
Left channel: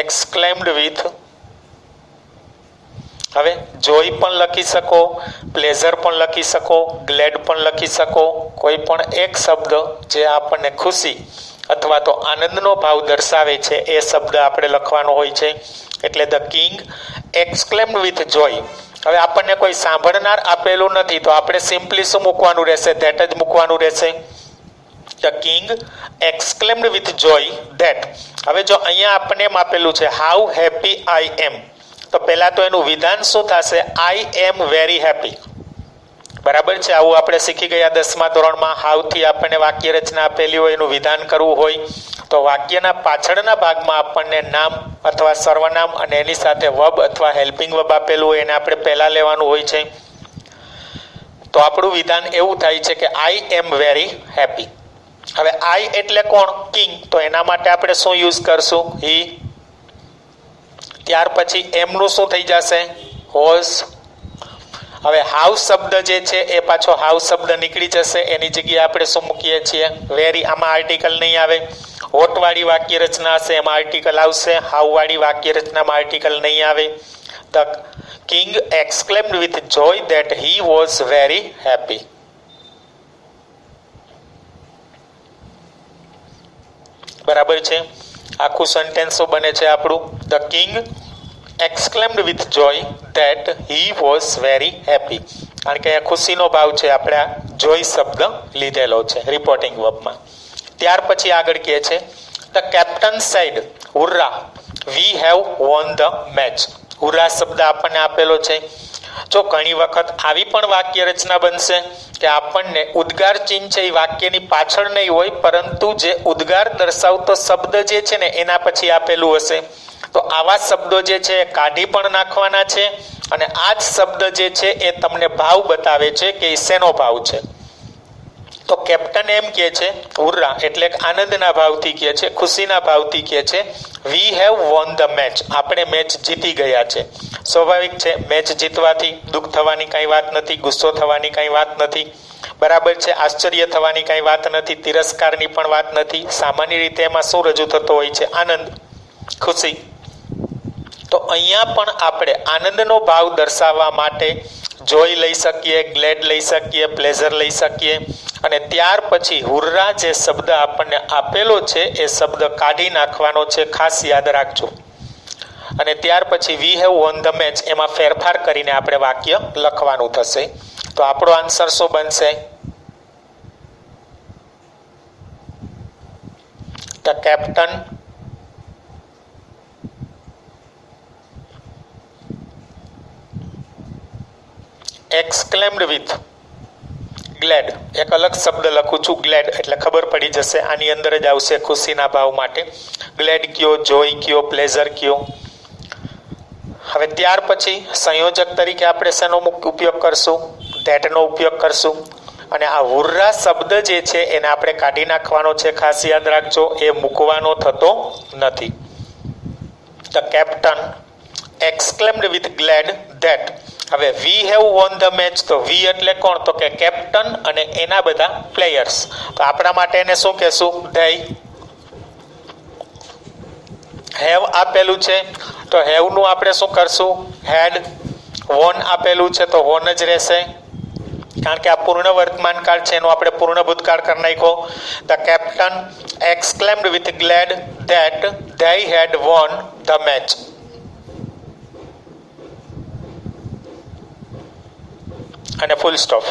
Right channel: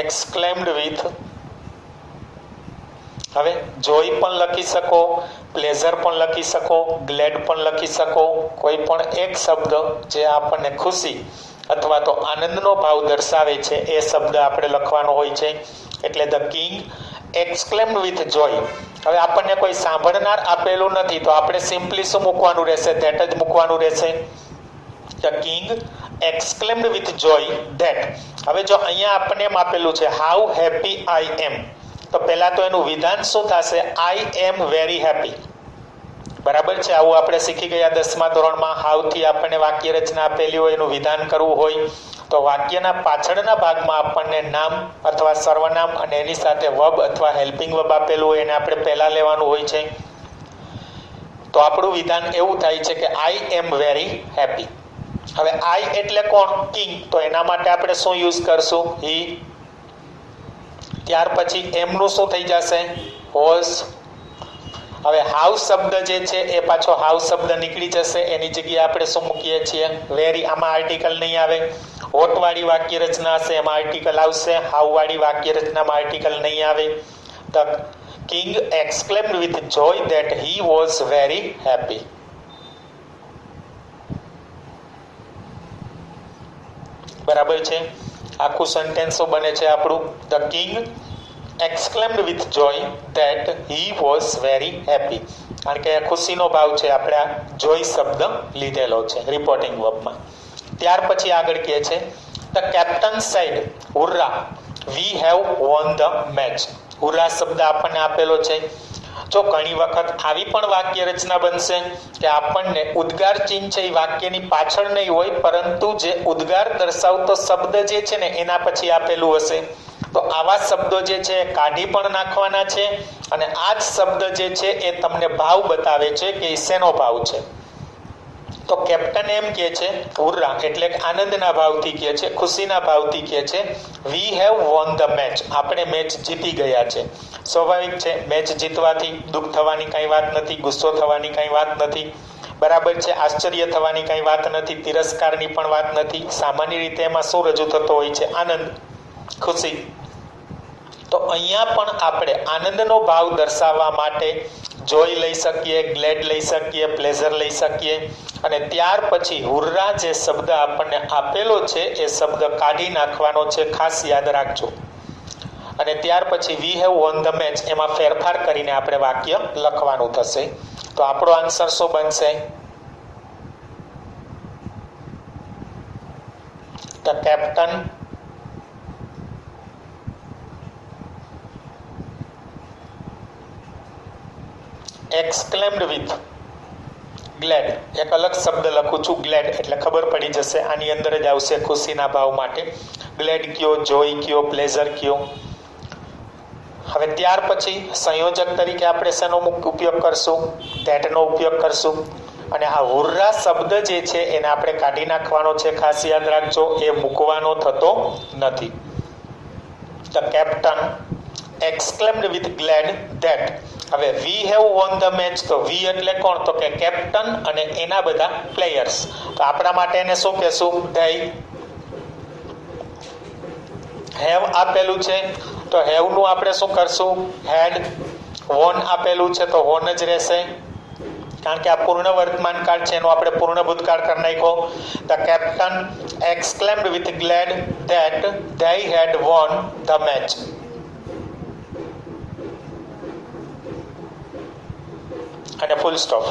exclaimed with. હવે જોઈ પણ લખી શકો, પ્લેઝર પણ લખી શકો, ગ્લેડ પણ લખી શકો. કોઈ પણ એક શબ્દ જે આપણને ખુશી અથવા તો આનંદનો ભાવ દર્શાવે છે એ શબ્દ આપણે લખવાનો હોય છે. એટલે the king exclaimed with joy. હવે આપણને કોઈ સાંભળનાર આપેલું નથી તો આપણે સિમ્પલી શું મૂકવાનું રહેશે? ધેટ જ મૂકવાનું રહેશે. The king exclaimed with joy that. હવે જો અહીંયા આપણને એમ આપેલું છે હાઉ હેપી આઈ એમ, તો પહેલા તો એનું વિધાન શું થશે? આઈ એમ વેરી હેપી. બરાબર છે, આવું આપણે શીખી ગયા 10મા ધોરણમાં. હાઉથી આપણને વાક્ય રચના આપેલી હોય, એનું વિધાન કરવું હોય તો વાક્યના પાછળના ભાગમાં આપણને નામ અથવા સર્વનામ અને એની સાથે વર્બ અથવા હેલ્પિંગ વર્બ આપેલું હોય એને આપણે પહેલા લેવાનું હોય છે. તો આપણું વિધાન એવું થાય છે કે આઈ એમ વેરી હેપી. હવે આઈ એટલે કોણ? કિંગ. તો એના માટે આપણે શું યુઝ કરશું? હી. ત્યાર પછી એમનું શું થઈ જશે? વોઝ. હવે હાઉસ શબ્દ જે છે એ પાછો હાઉસ શબ્દ નીકળી જશે, એની જગ્યાએ આપણે શું મૂકીએ છીએ? વેરી. આમાં આર્ટિકલ નહીં આવે. હોટવાળી વાક્ય રચના હશે એમાં આર્ટિકલ આવશે, હાઉવાળી વાક્ય રચનામાં આર્ટિકલ નહીં આવે. The king exclaimed with joy that he was very happy. બરાબર છે. આખું સેન્ટેન્સો બને છે આપણું the king exclaimed with joy that he was very happy. કારણ કે અહીંયા ખુશીનો ભાવ છે, આપણે આ જોય શબ્દ લીધેલો છે રિપોર્ટિંગ વર્બમાં. ત્યાર પછી આગળ કહે છે the captain said hurrah we have won the match. Hurrah શબ્દ આપણને આપેલો છે. જો ઘણી વખત આવી પણ વાક્ય રચના બનશે કે આપણને ઉદ્ગાર ચિહ્ન છે એ વાક્યની પાછળ નહીં હોય, પરંતુ જે ઉદ્ગાર દર્શાવતો શબ્દ જે છે ને એના પછી આપેલું હશે. તો આવા શબ્દો જે છે એ કાઢી પણ નાખવાના છે, અને આ જ શબ્દ જે છે એ તમને ભાવ બતાવે છે કે એ શેનો ભાવ છે. તો કેપ્ટન એમ કહે છે હુર્રા એટલે આનંદના ભાવથી કહે છે, ખુશીના ભાવથી કહે છે વી હેવ વોન ધ મેચ, આપણે મેચ જીતી ગયા છે. સ્વાભાવિક છે, મેચ જીતવાથી દુઃખ થવાની કાંઈ વાત નથી, ગુસ્સો થવાની કાંઈ વાત નથી. બરાબર છે, આશ્ચર્ય થવાની કાંઈ વાત નથી, તિરસ્કારની પણ વાત નથી. સામાન્ય રીતે એમાં શું રજૂ થતો હોય છે? આનંદ, ખુશી. તો અહીંયા પણ આપણે આનંદનો ભાવ દર્શાવવા માટે જોય લઈ શકીએ, ગ્લેડ લઈ શકીએ, પ્લેઝર લઈ શકીએ. અને ત્યાર પછી હુર્રા જે શબ્દ આપણને આપેલો છે એ શબ્દ કાઢી નાખવાનો છે, ખાસ યાદ રાખજો. અને ત્યાર પછી વી હેવ વોન ધ મેચ એમાં ફેરફાર કરીને આપણે વાક્ય લખવાનું થશે. તો આપણો આન્સર શું બનશે? The captain exclaimed with glad. એક અલગ શબ્દ લખું છું ગ્લેડ, એટલે ખબર પડી જશે આની અંદર જ આવશે ખુશીના ભાવ માટે. ગ્લેડ કયો, જોય કયો, પ્લેઝર કયો. હવે ત્યાર પછી સંયોજક તરીકે આપણે શેનો ઉપયોગ કરશું? ધેટનો ઉપયોગ કરશું. અને આ હુર્રા શબ્દ જે છે એને આપણે કાઢી નાખવાનો છે, ખાસ યાદ રાખજો, એ મૂકવાનો થતો નથી. The captain exclaimed with glad that. હવે વી હેવ વોન ધ મેચ, તો વી એટલે કોણ? તો કે કેપ્ટન અને એના બધા પ્લેયર્સ. તો આપણા માટે એને શું કહેશું? ધેય. હેવ આપેલું છે તો હેવનું આપણે શું કરશું? હેડ. વોન આપેલું છે તો વોન જ રહેશે, કારણ કે આ પૂર્ણ વર્તમાન કાળ છે, એનો આપણે પૂર્ણ ભૂતકાળ કરી નાખ્યો. The captain exclaimed with glad that they had won the match. અને ફૂલ સ્ટોપ.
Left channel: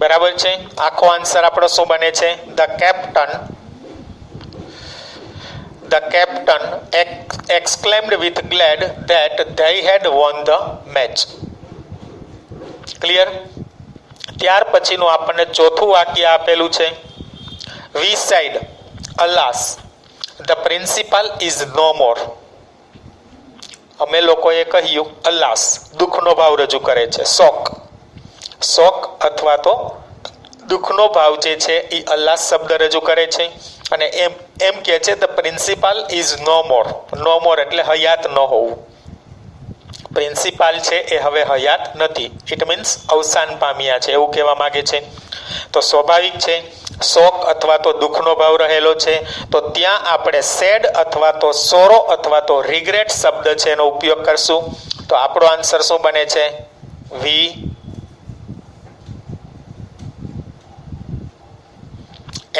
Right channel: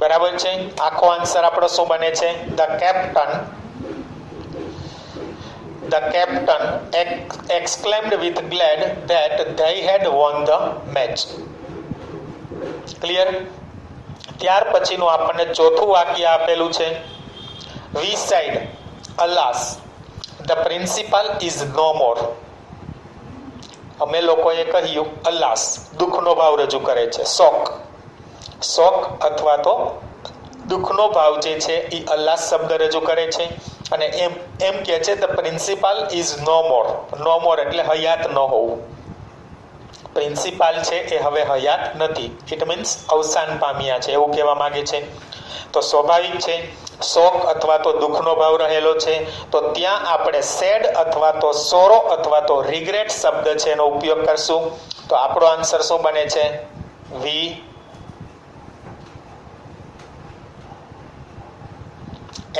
બરાબર છે. આખો આન્સર આપણો શું બને છે? The captain exclaimed with glad that they had won the match. Clear? ત્યાર પછીનું આપણને ચોથું વાક્ય આપેલું છે we said alas the principal is no more. અમે લોકોએ કહ્યું અલાસ દુઃખનો ભાવ રજૂ કરે છે. શોક અથવા તો દુઃખનો ભાવ જે છે એ અલ્લાહ શબ્દ રજૂ કરે છે. અને એમ કહે છે ધ પ્રિન્સિપાલ ઇઝ નો મોર. નો મોર એટલે હયાત ન હોવું. પ્રિન્સિપાલ છે એ હવે હયાત નથી. ઇટ મીન્સ અવસાન પામ્યા છે એવું કહેવા માંગે છે. તો સ્વાભાવિક છે, શોક અથવા તો દુઃખનો ભાવ રહેલો છે, તો ત્યાં આપણે સેડ અથવા તો સોરો અથવા તો રિગ્રેટ શબ્દ છે એનો ઉપયોગ કરશું. તો આપણો આન્સર શું બને છે? વી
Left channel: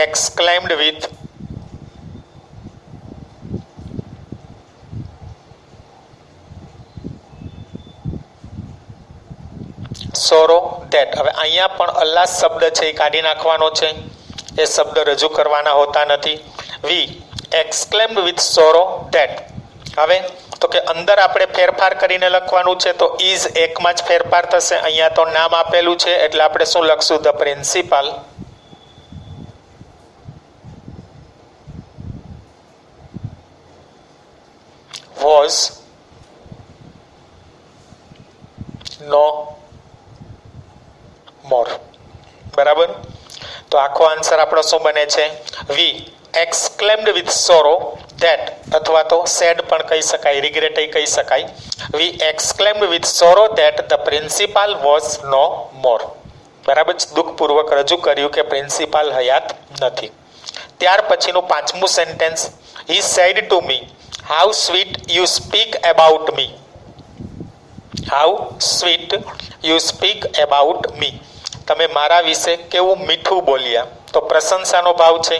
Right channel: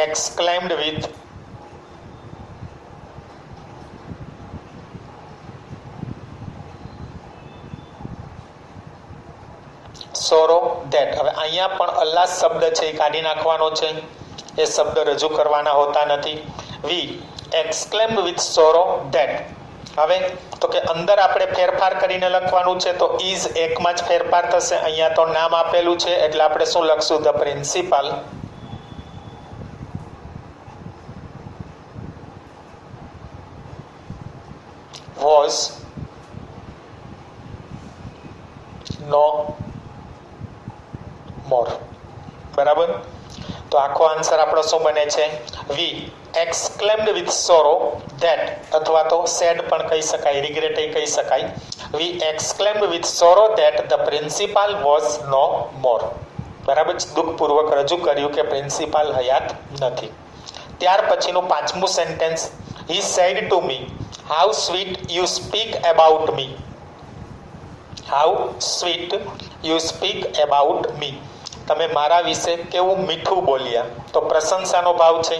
exclaimed with sorrow that. હવે અહીંયા પણ અલ્લાહ શબ્દ છે એ કાઢી નાખવાનો છે, એ શબ્દ રજૂ કરવાના હોતા નથી. વી exclaimed with sorrow that. હવે તો કે અંદર આપણે ફેરફાર કરીને લખવાનું છે, તો ઇઝ એકમાં જ ફેરફાર થશે. અહીંયા તો નામ આપેલું છે એટલે આપણે શું લખશું? The principal was no more. બરાબર? તો આખો આન્સર આપણો શું બને છે? વી exclaimed with sorrow that, અથવા તો સેડ પણ કહી શકાય, રિગ્રેટ કહી શકાય. વી exclaimed with sorrow that the principal was no more. બરાબર? દુઃખપૂર્વક રજૂ કર્યું કે પ્રિન્સિપાલ હયાત નથી. ત્યાર પછીનું પાંચમું sentence he said to me how sweet you speak about me. How sweet you speak about me. તમે મારા વિશે કેવું મીઠું બોલ્યા. તો પ્રશંસાનો ભાવ છે.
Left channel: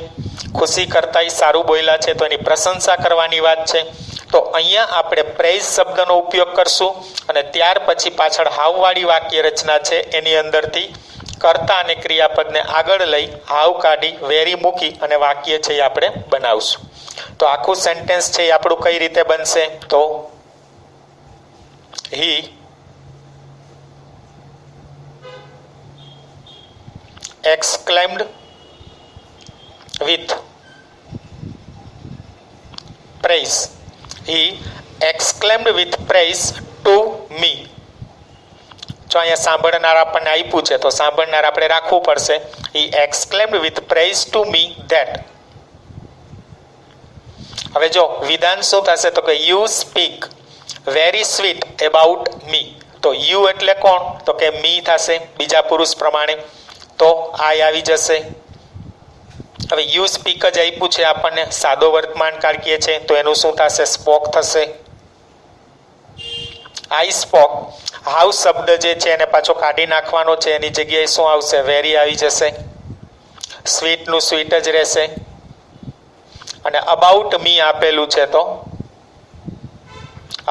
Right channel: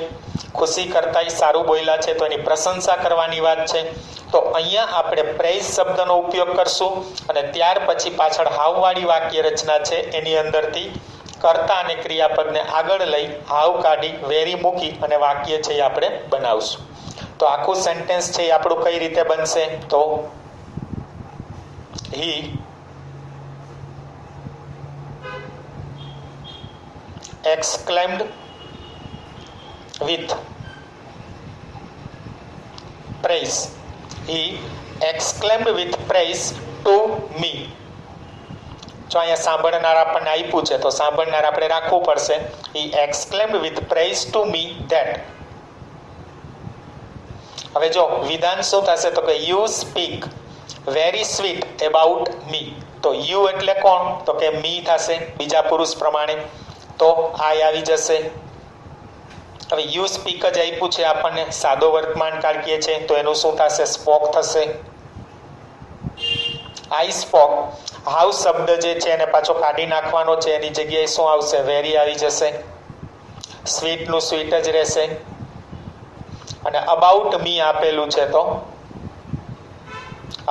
ખુશી કરતાંય સારું બોલ્યા છે તો એની પ્રશંસા કરવાની વાત છે. તો અહીંયા આપણે પ્રેઝ શબ્દનો ઉપયોગ કરશું અને ત્યાર પછી પાછળ હાવવાળી વાક્ય રચના છે એની અંદરથી કર્તા અને ક્રિયાપદને આગળ લઈ હાવ કાઢી વેરી મૂકી અને વાક્ય છે એ આપણે બનાવશું. તો આખું સેન્ટેન્સ છે એ આપણું કઈ રીતે બનશે? તો હી exclaimed with praise. He exclaimed with praise to me. જો અહીંયા સાંભળનાર આપણને આપ્યું છે તો સાંભળનાર આપણે રાખવું પડશે. He exclaimed with praise to me that. હવે જો વિધાન શું થશે? તો કે you speak very sweet about me. તો you એટલે કોણ? તો કે me થશે બીજા પુરુષ પ્રમાણે. તો આઈ આવી જશે. હવે યુ સ્પીક જ આપ્યું છે આપણને, સાદો વર્તમાન કાળ કહે છે તો એનું શું થશે? સ્પોક થશે. આઈ સ્પોક. હાવ શબ્દ જે છે એને પાછો કાઢી નાખવાનો છે, એની જગ્યાએ શું આવશે? વેરી આવી જશે. સ્વીટનું સ્વીટ જ રહેશે. અને અબાઉટ મી આપેલું છે તો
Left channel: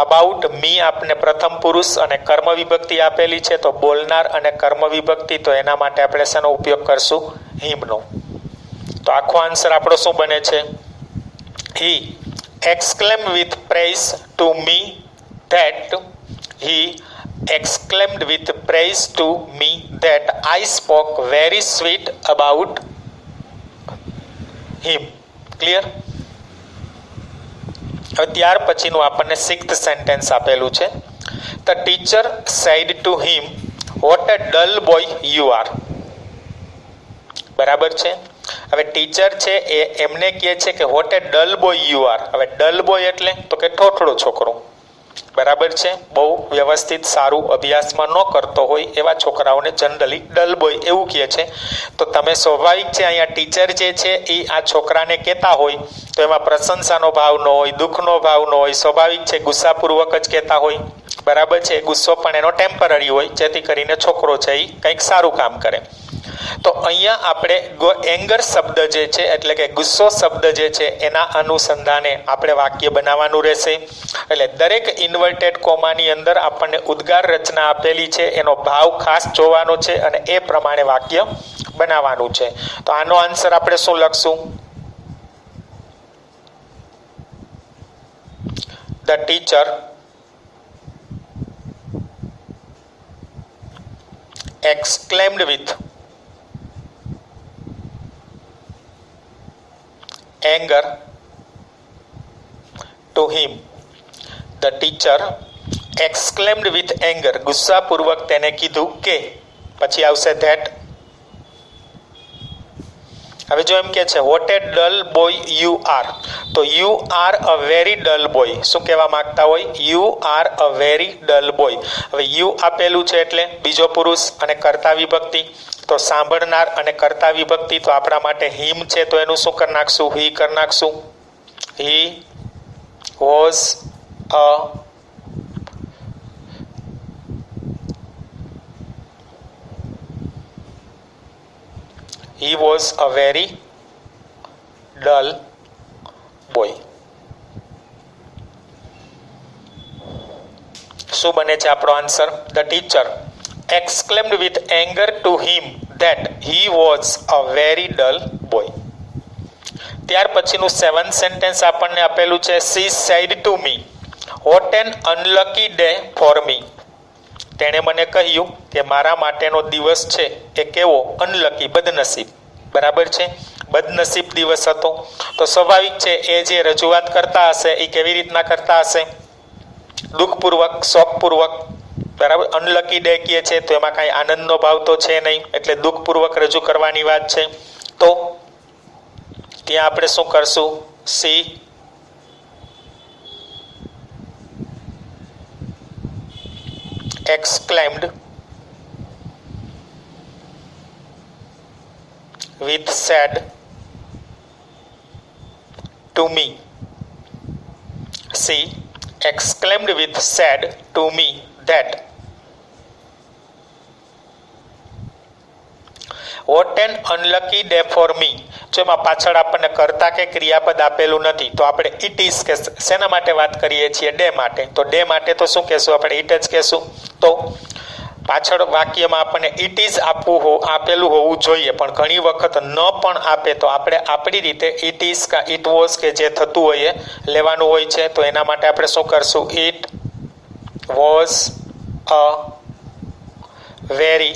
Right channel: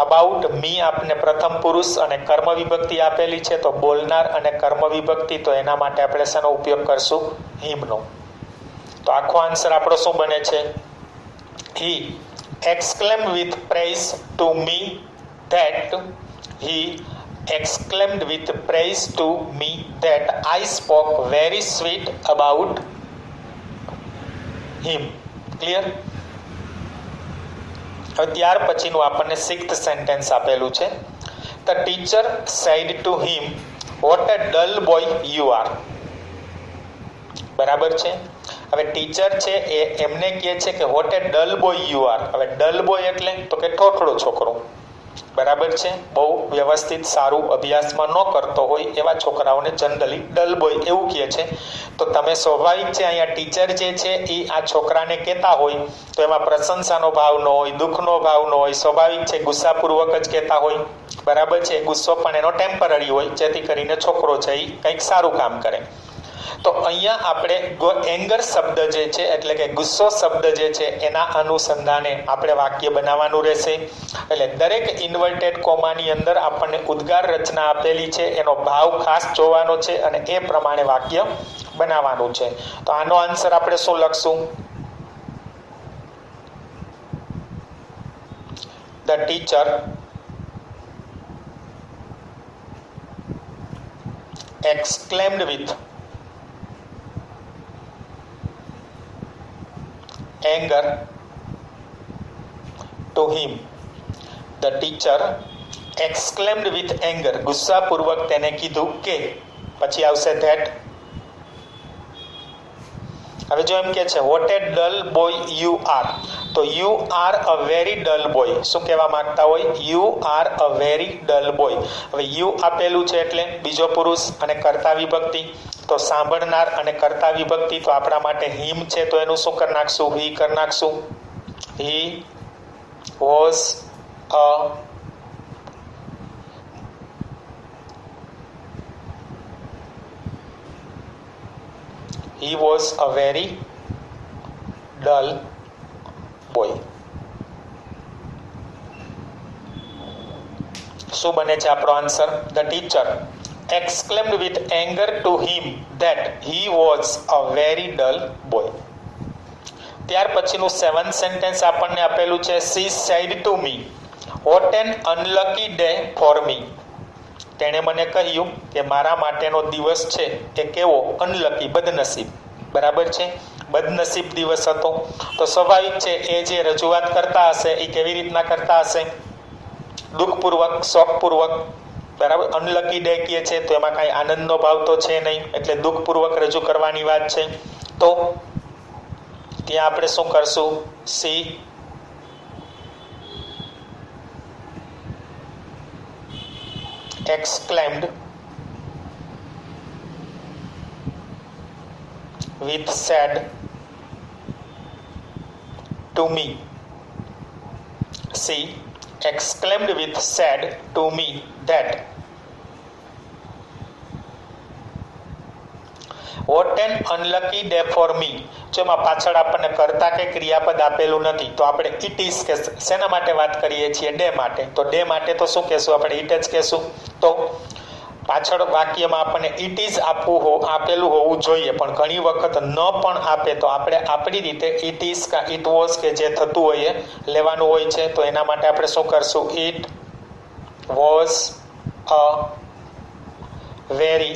અબાઉટ મી આપને પ્રથમ પુરુષ અને કર્મ વિભક્તિ આપેલી છે તો બોલનાર અને કર્મ વિભક્તિ, તો એના માટે આપણે શેનો ઉપયોગ કરશું? હિમનો. તો આખો આન્સર આપણો શું બને છે? હી exclaimed with praise to me that he exclaimed with praise to me that I spoke very sweet about him. Clear? હવે ત્યાર પછીનું આપણને સિક્સ્થ સેન્ટેન્સ આપેલું છે. The teacher said to him what a dull boy you are. બરાબર છે. હવે teacher છે એ એમને કહે છે કે what a dull boy you are. હવે ડલ બોય એટલે તો કે ઠોઠળો છોકરો. બરાબર છે. બહુ વ્યવસ્થિત સારું અભ્યાસમાં ન કરતો હોય એવા છોકરાઓને જનરલી ડલ બોય એવું કહે છે. તો તમે સ્વાભાવિક છે અહીંયા ટીચર જે છે એ આ છોકરાને કહેતા હોય તો એમાં પ્રશંસાનો ભાવ ન હોય, દુઃખનો ભાવ ન હોય, સ્વાભાવિક છે ગુસ્સાપૂર્વક જ કહેતા હોય. બરાબર છે. ગુસ્સો પણ એનો ટેમ્પરરી હોય જેથી કરીને છોકરો છે એ કંઈક સારું કામ કરે. તો અહીંયા આપણે એંગર શબ્દ જે છે એટલે કે ગુસ્સો શબ્દ જે છે એના અનુસંધાને આપણે વાક્ય બનાવવાનું રહેશે. એટલે દરેક ઇન્વર્ટેડ કોમાની અંદર આપણને ઉદ્ગાર રચના આપેલી છે, એનો ભાવ ખાસ જોવાનો છે અને એ પ્રમાણે વાક્ય બનાવવાનું છે. તો આનો આન્સર આપણે શું લખશું? The teacher exclaimed with anger to him. The teacher exclaimed with anger. ગુસ્સાપૂર્વક તેને કીધું કે, પછી આવશે that. હવે જો એમ કે છે what a dull boy you are, તો you are a very dull boy. શું કહેવા માંગતા હોય? You are a very dull boy. હવે યુ આપેલું છે એટલે બીજો પુરુષ અને કર્તા વિભક્તિ. તો સાંભળનાર અને કર્તા વિભક્તિ તો આપણા માટે હિમ છે તો એનું શું કરી નાખશું? હી કરી નાખશું. He was a He was a very dull boy. શું બને છે આપણો answer? The teacher exclaimed with anger to him that he was a very dull boy. ત્યાર પછીનું સેવન્થ સેન્ટેન્સ આપણને આપેલું છે she said to me what an unlucky day for me. તેણે મને કહ્યું કે મારા માટેનો દિવસ છે એ કેવો? અનલકી, બદનસીબ. બરાબર છે. બદનસીબ દિવસ હતો. તો સ્વાભાવિક છે એ જે રજૂઆત કરતા હશે એ કેવી રીતના કરતા હશે? દુઃખપૂર્વક, શોકપૂર્વક. બરાબર. અનલકી ડે કહે છે તો એમાં કાંઈ આનંદનો ભાવ તો છે નહીં, એટલે દુઃખપૂર્વક રજૂ કરવાની વાત છે. તો ત્યાં આપણે શું કરશું? C exclaimed with said to me. She exclaimed with said to me that what an unlucky day for me. જો એમાં પાછળ આપણને કર્તા કે ક્રિયાપદ આપેલું નથી તો આપણે ઇટ ઇઝ કે શેના માટે વાત કરીએ છીએ? ડે માટે. તો ડે માટે તો શું કહેશું? આપણે ઇટ જ કહેશું. તો પાછળ વાક્યમાં આપણને ઇટ ઇઝ આપેલું હોવું જોઈએ, પણ ઘણી વખત ન પણ આપે તો આપણે આપણી રીતે ઇટ ઇઝ કા ઇટ વોઝ કે જે થતું હોય એ લેવાનું હોય છે. તો એના માટે આપણે શું કરશું? It was a very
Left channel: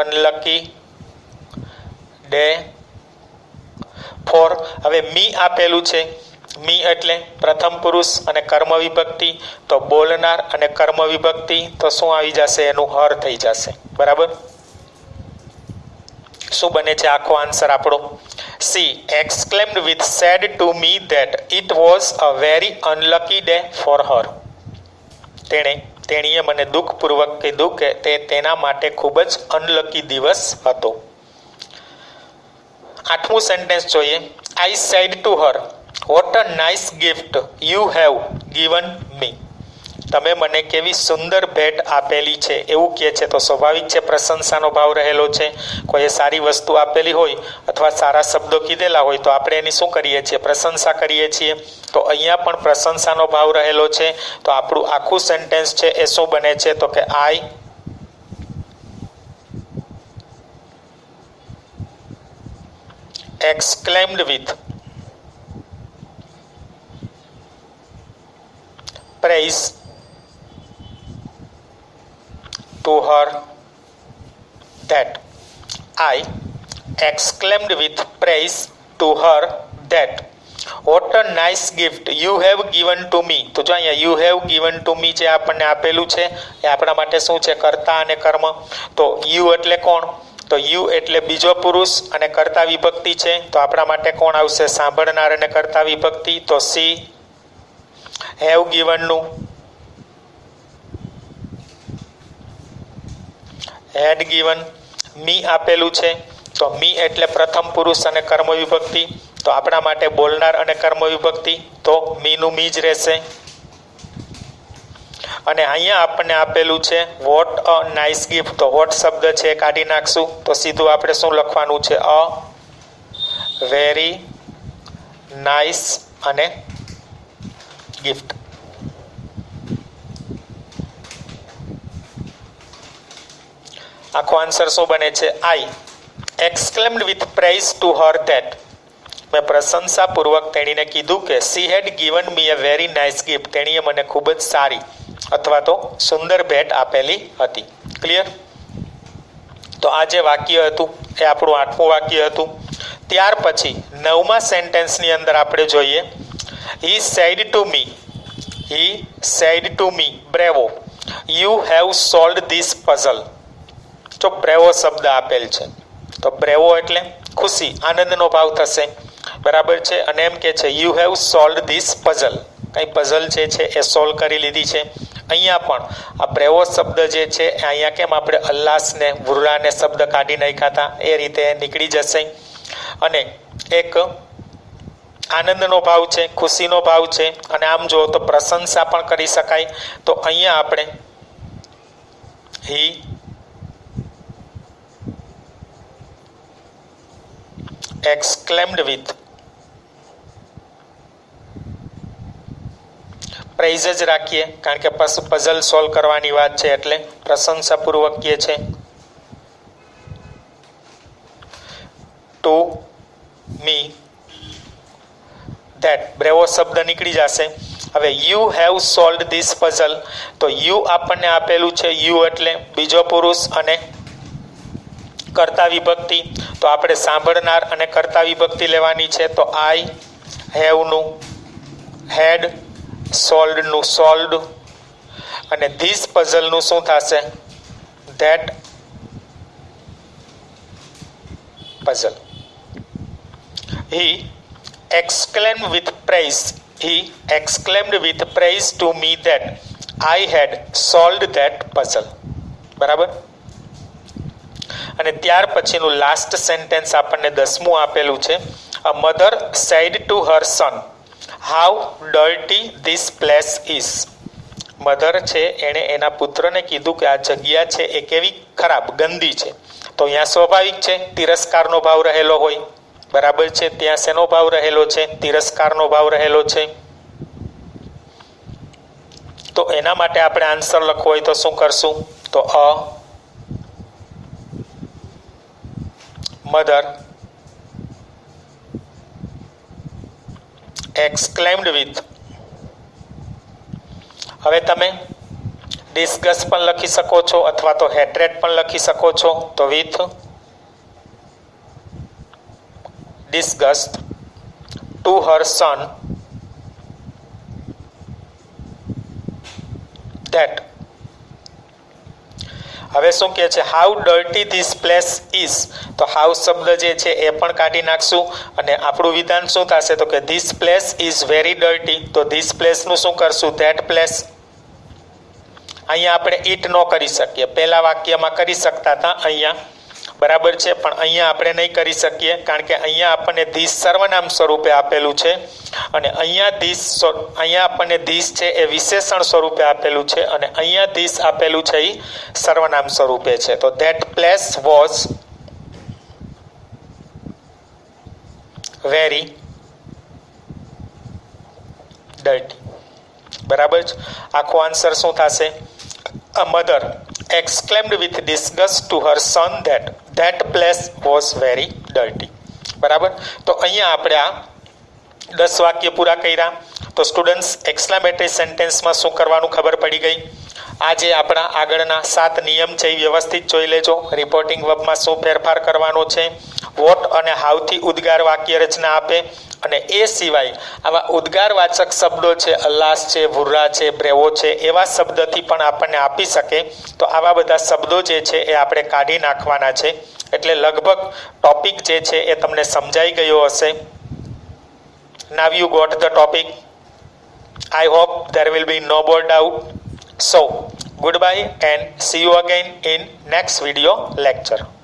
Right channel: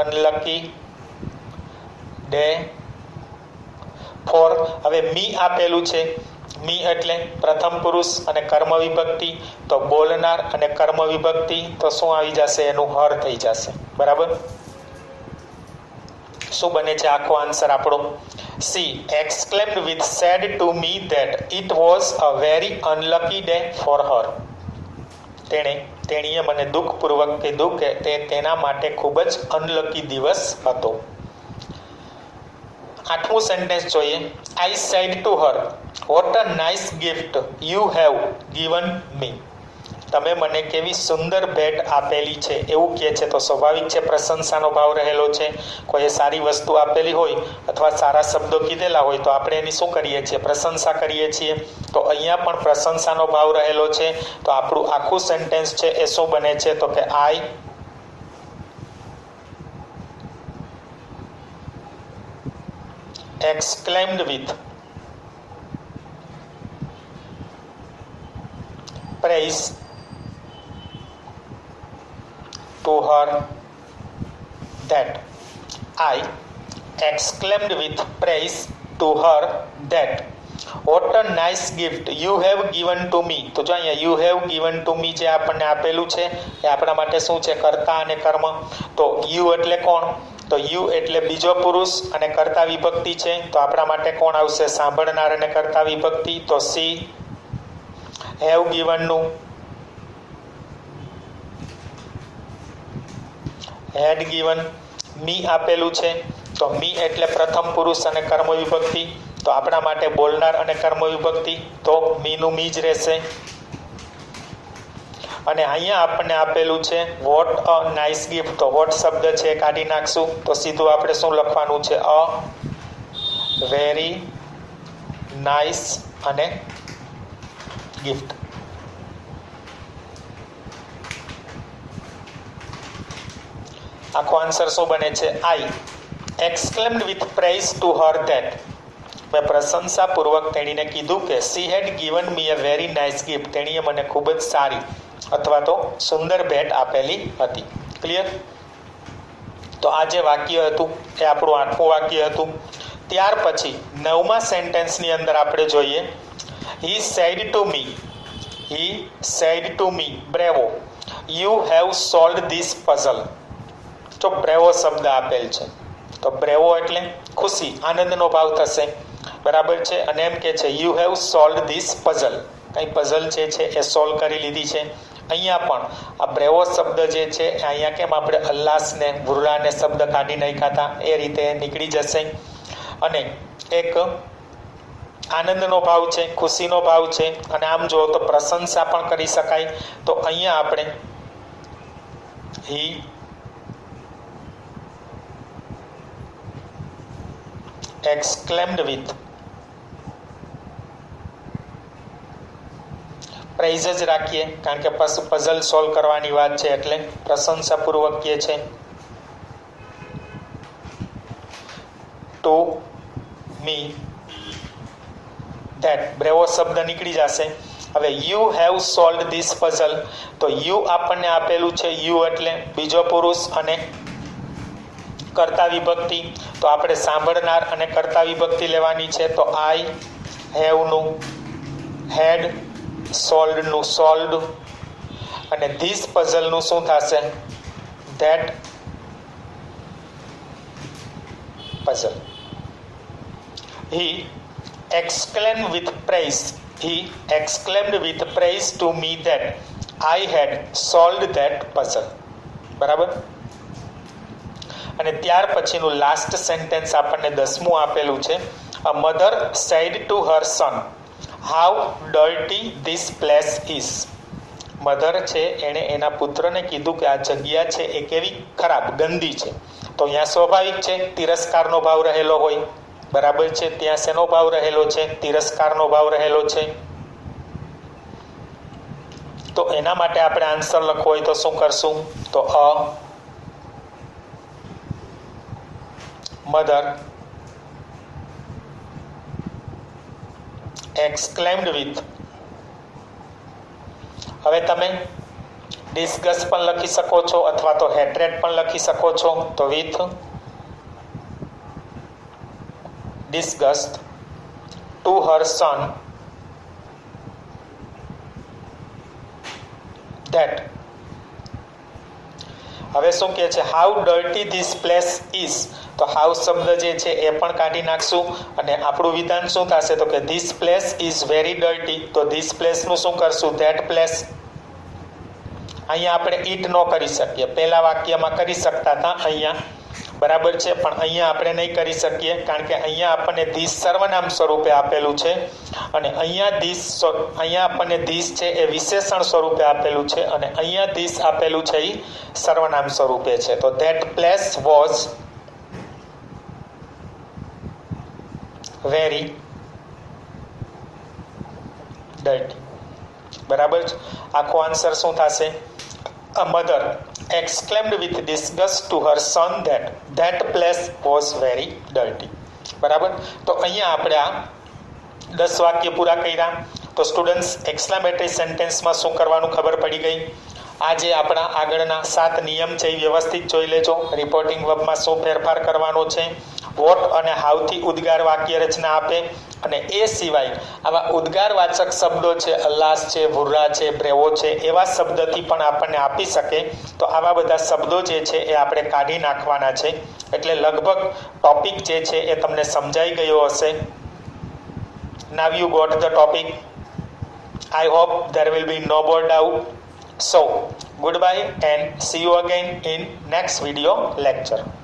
unlucky day four. હવે મી આપેલું છે. મી એટલે પ્રથમ પુરુષ અને કર્મ વિભક્તિ, તો બોલનાર અને કર્મ વિભક્તિ, તો શું આવી જશે? એનું હર થઈ જશે. બરાબર. શું બને છે આખો આન્સર આપણો? C exclaimed with said to me that it was a very unlucky day for her. તેણીએ મને દુઃખપૂર્વક કીધું કે તે તેના માટે ખૂબ જ અનલકી દિવસ હતો. 8મું સેન્ટેન્સ જોઈએ. I said to her what a nice gift you have given me. તમે મને કેવી સુંદર ભેટ આપેલી છે એવું કહે છે. તો સ્વાભાવિક છે પ્રશંસાનો ભાવ રહેલો છે. કોઈએ સારી વસ્તુ આપેલી હોય અથવા સારા શબ્દો કીધેલા હોય તો આપણે એની શું કરીએ છીએ? પ્રશંસા કરીએ છીએ. તો અહીંયા પણ પ્રશંસાનો ભાવ રહેલો છે. તો આપણું આખું સેન્ટેન્સ છે એ શું બને છે? તો કે આઈ exclaimed with praise to her that I exclaimed with praise to her that what a nice gift you have given to me. તો જો અહીંયા you have given to me જે આપણને આપેલું છે એ આપણા માટે શું છે? કર્તા અને કર્મ. તો you એટલે કોણ? તો યુ એટલે બીજો પુરુષ અને કર્તા વિભક્તિ છે. તો આપણા માટે કોણ આવશે? સાંભળનાર અને કર્તા વિભક્તિ. તો સી હેવ ગિવનનું હેડ ગિવન. મી આપેલું છે તો મી એટલે પ્રથમ પુરુષ અને કર્મ વિભક્તિ. તો આપણા માટે બોલનાર અને કર્મ વિભક્તિ. તો મીનું મી જ રહેશે. અને અહીંયા આપણને આપેલું છે વોટ અ નાઇસ ગિફ્ટ. તો વોટ શબ્દ છે કાઢી નાખશું તો સીધું આપણે શું લખવાનું છે? અ વેરી નાઇસ અને ગિફ્ટ. આખો આન્સર શું બને છે? I exclaimed with praise to her that. મેં પ્રશંસાપૂર્વક તેણીને કીધું કે she had given me a very nice gift. તેણીએ મને ખૂબ જ સારી અથવા તો સુંદર ભેટ આપેલી હતી. ક્લિયર? તો આ જે વાક્ય હતું એ આપણું 8મું વાક્ય હતું. ત્યાર પછી 9મા સેન્ટેન્સની અંદર આપણે જોઈએ he said to me બ્રેવો you have solved this puzzle. જો બ્રેવો શબ્દ આપેલ છે તો બ્રેવો એટલે ખુશી, આનંદનો ભાવ થશે. બરાબર છે. અને એમ કે છે you have solved this puzzle. કઈ પઝલ છે એ સોલ્વ કરી લીધી છે. અહીંયા પણ આ બ્રેવો શબ્દ જે છે અહીંયા કેમ આપણે અલ્લાસને વૃરાને શબ્દ કાઢી નાખ્યા હતા એ રીતે નીકળી જશે. અને એક આનંદનો ભાવ છે, ખુશીનો ભાવ છે. અને આમ જુઓ તો પ્રશંસા પણ કરી શકાય. તો અહીંયા આપણે હી exclaimed with પ્રાઇઝ જ રાખીએ કારણ કે પઝલ સોલ્વ કરવાની વાત છે એટલે પ્રશંસાપૂર્વક કહે છે. ટુ મી ધેટ બ્રેવો શબ્દ નીકળી જશે. હવે you have solved this puzzle. તો યુ આપણને આપેલું છે. યુ એટલે બીજો પુરુષ અને કર્તા વિભક્તિ. તો આપણે સાંભળનાર અને કર્તા વિભક્તિ લેવાની છે. તો આઈ હેવનું હેડ, સોલ્વડનું સોલ્વડ અને ધીસ પઝલનું શું થશે? That puzzle. He exclaimed with praise to me that I had solved that puzzle. બરાબર. અને ત્યાર પછીનું લાસ્ટ સેન્ટેન્સ આપણને 10મું આપેલું છે. A mother said to her son how dirty this place is. Mother છે એણે એના પુત્રને કીધું કે આ જગ્યા છે એ કેવી ખરાબ ગંદી છે, તો અહીંયા સ્વાભાવિક છે તિરસ્કારનો ભાવ રહેલો હોય, બરાબર છે. ત્યાં શેનો ભાવ રહેલો છે? તિરસ્કારનો ભાવ રહેલો છે. તો એના માટે આપણે આન્સર લખવો હોય તો શું કરશું? તો અ મધર exclaimed with. હવે તમે ડિસ્ગસ પણ લખી શકો છો અથવા તો હેટ્રેડ પણ લખી શકો છો. તો with disgust to her son that. હવે શું કહે છે? How dirty this place is. તો હાઉ શબ્દ જે છે એ પણ કાઢી નાખશું અને આપણું વિધાન શું થશે? તો કે this place is very dirty. તો ધીસ પ્લેસનું શું કરશું? That place. અહીંયા આપણે ઇટ ન કરી શકીએ, પહેલા વાક્યમાં કરી શકતા હતા અહીંયા, બરાબર છે, પણ અહીંયા આપણે નહીં કરી શકીએ કારણ કે અહીંયા આપણને ધીસ સર્વનામ સ્વરૂપે આપેલું છે અને અહીંયા આપણને ધીસ છે એ વિશેષણ સ્વરૂપે આપેલું છે અને અહીંયા ધીસ આપેલું છે એ સર્વનામ સ્વરૂપે છે. તો that place was very dirty. બરાબર છે. આખો આન્સર શું થશે? A mother exclaimed with disgust to her son that place was very dirty. બરાબર. તો અહીંયા આપણે આ 10 વાક્ય પૂરા કર્યા. તો સ્ટુડન્ટ્સ એક્સક્લેમેટરી સેન્ટેન્સમાં શું કરવાનું ખબર પડી ગઈ. આ જે આપણા આગળના 7 નિયમ છે એ વ્યવસ્થિત જોઈ લેજો. રિપોર્ટિંગ વર્બમાં શું ફેરફાર કરવાનો છે, વોટ અને હાઉથી ઉદ્ગાર વાક્ય રચના આપે અને એ સિવાય આવા ઉદ્ગારવાચક શબ્દો છે, અલ્લાસ છે, ભુર્રા છે, બ્રેવો છે, એવા શબ્દથી પણ આપણને આપી શકે. તો આવા બધા શબ્દો જે છે એ આપણે કાઢી નાખવાના છે. એટલે લગભગ ટોપિક જે છે એ તમને સમજાઈ ગયો હશે. Now you got the topic. I hope there will be no more doubt. So, goodbye and see you again in next video lecture.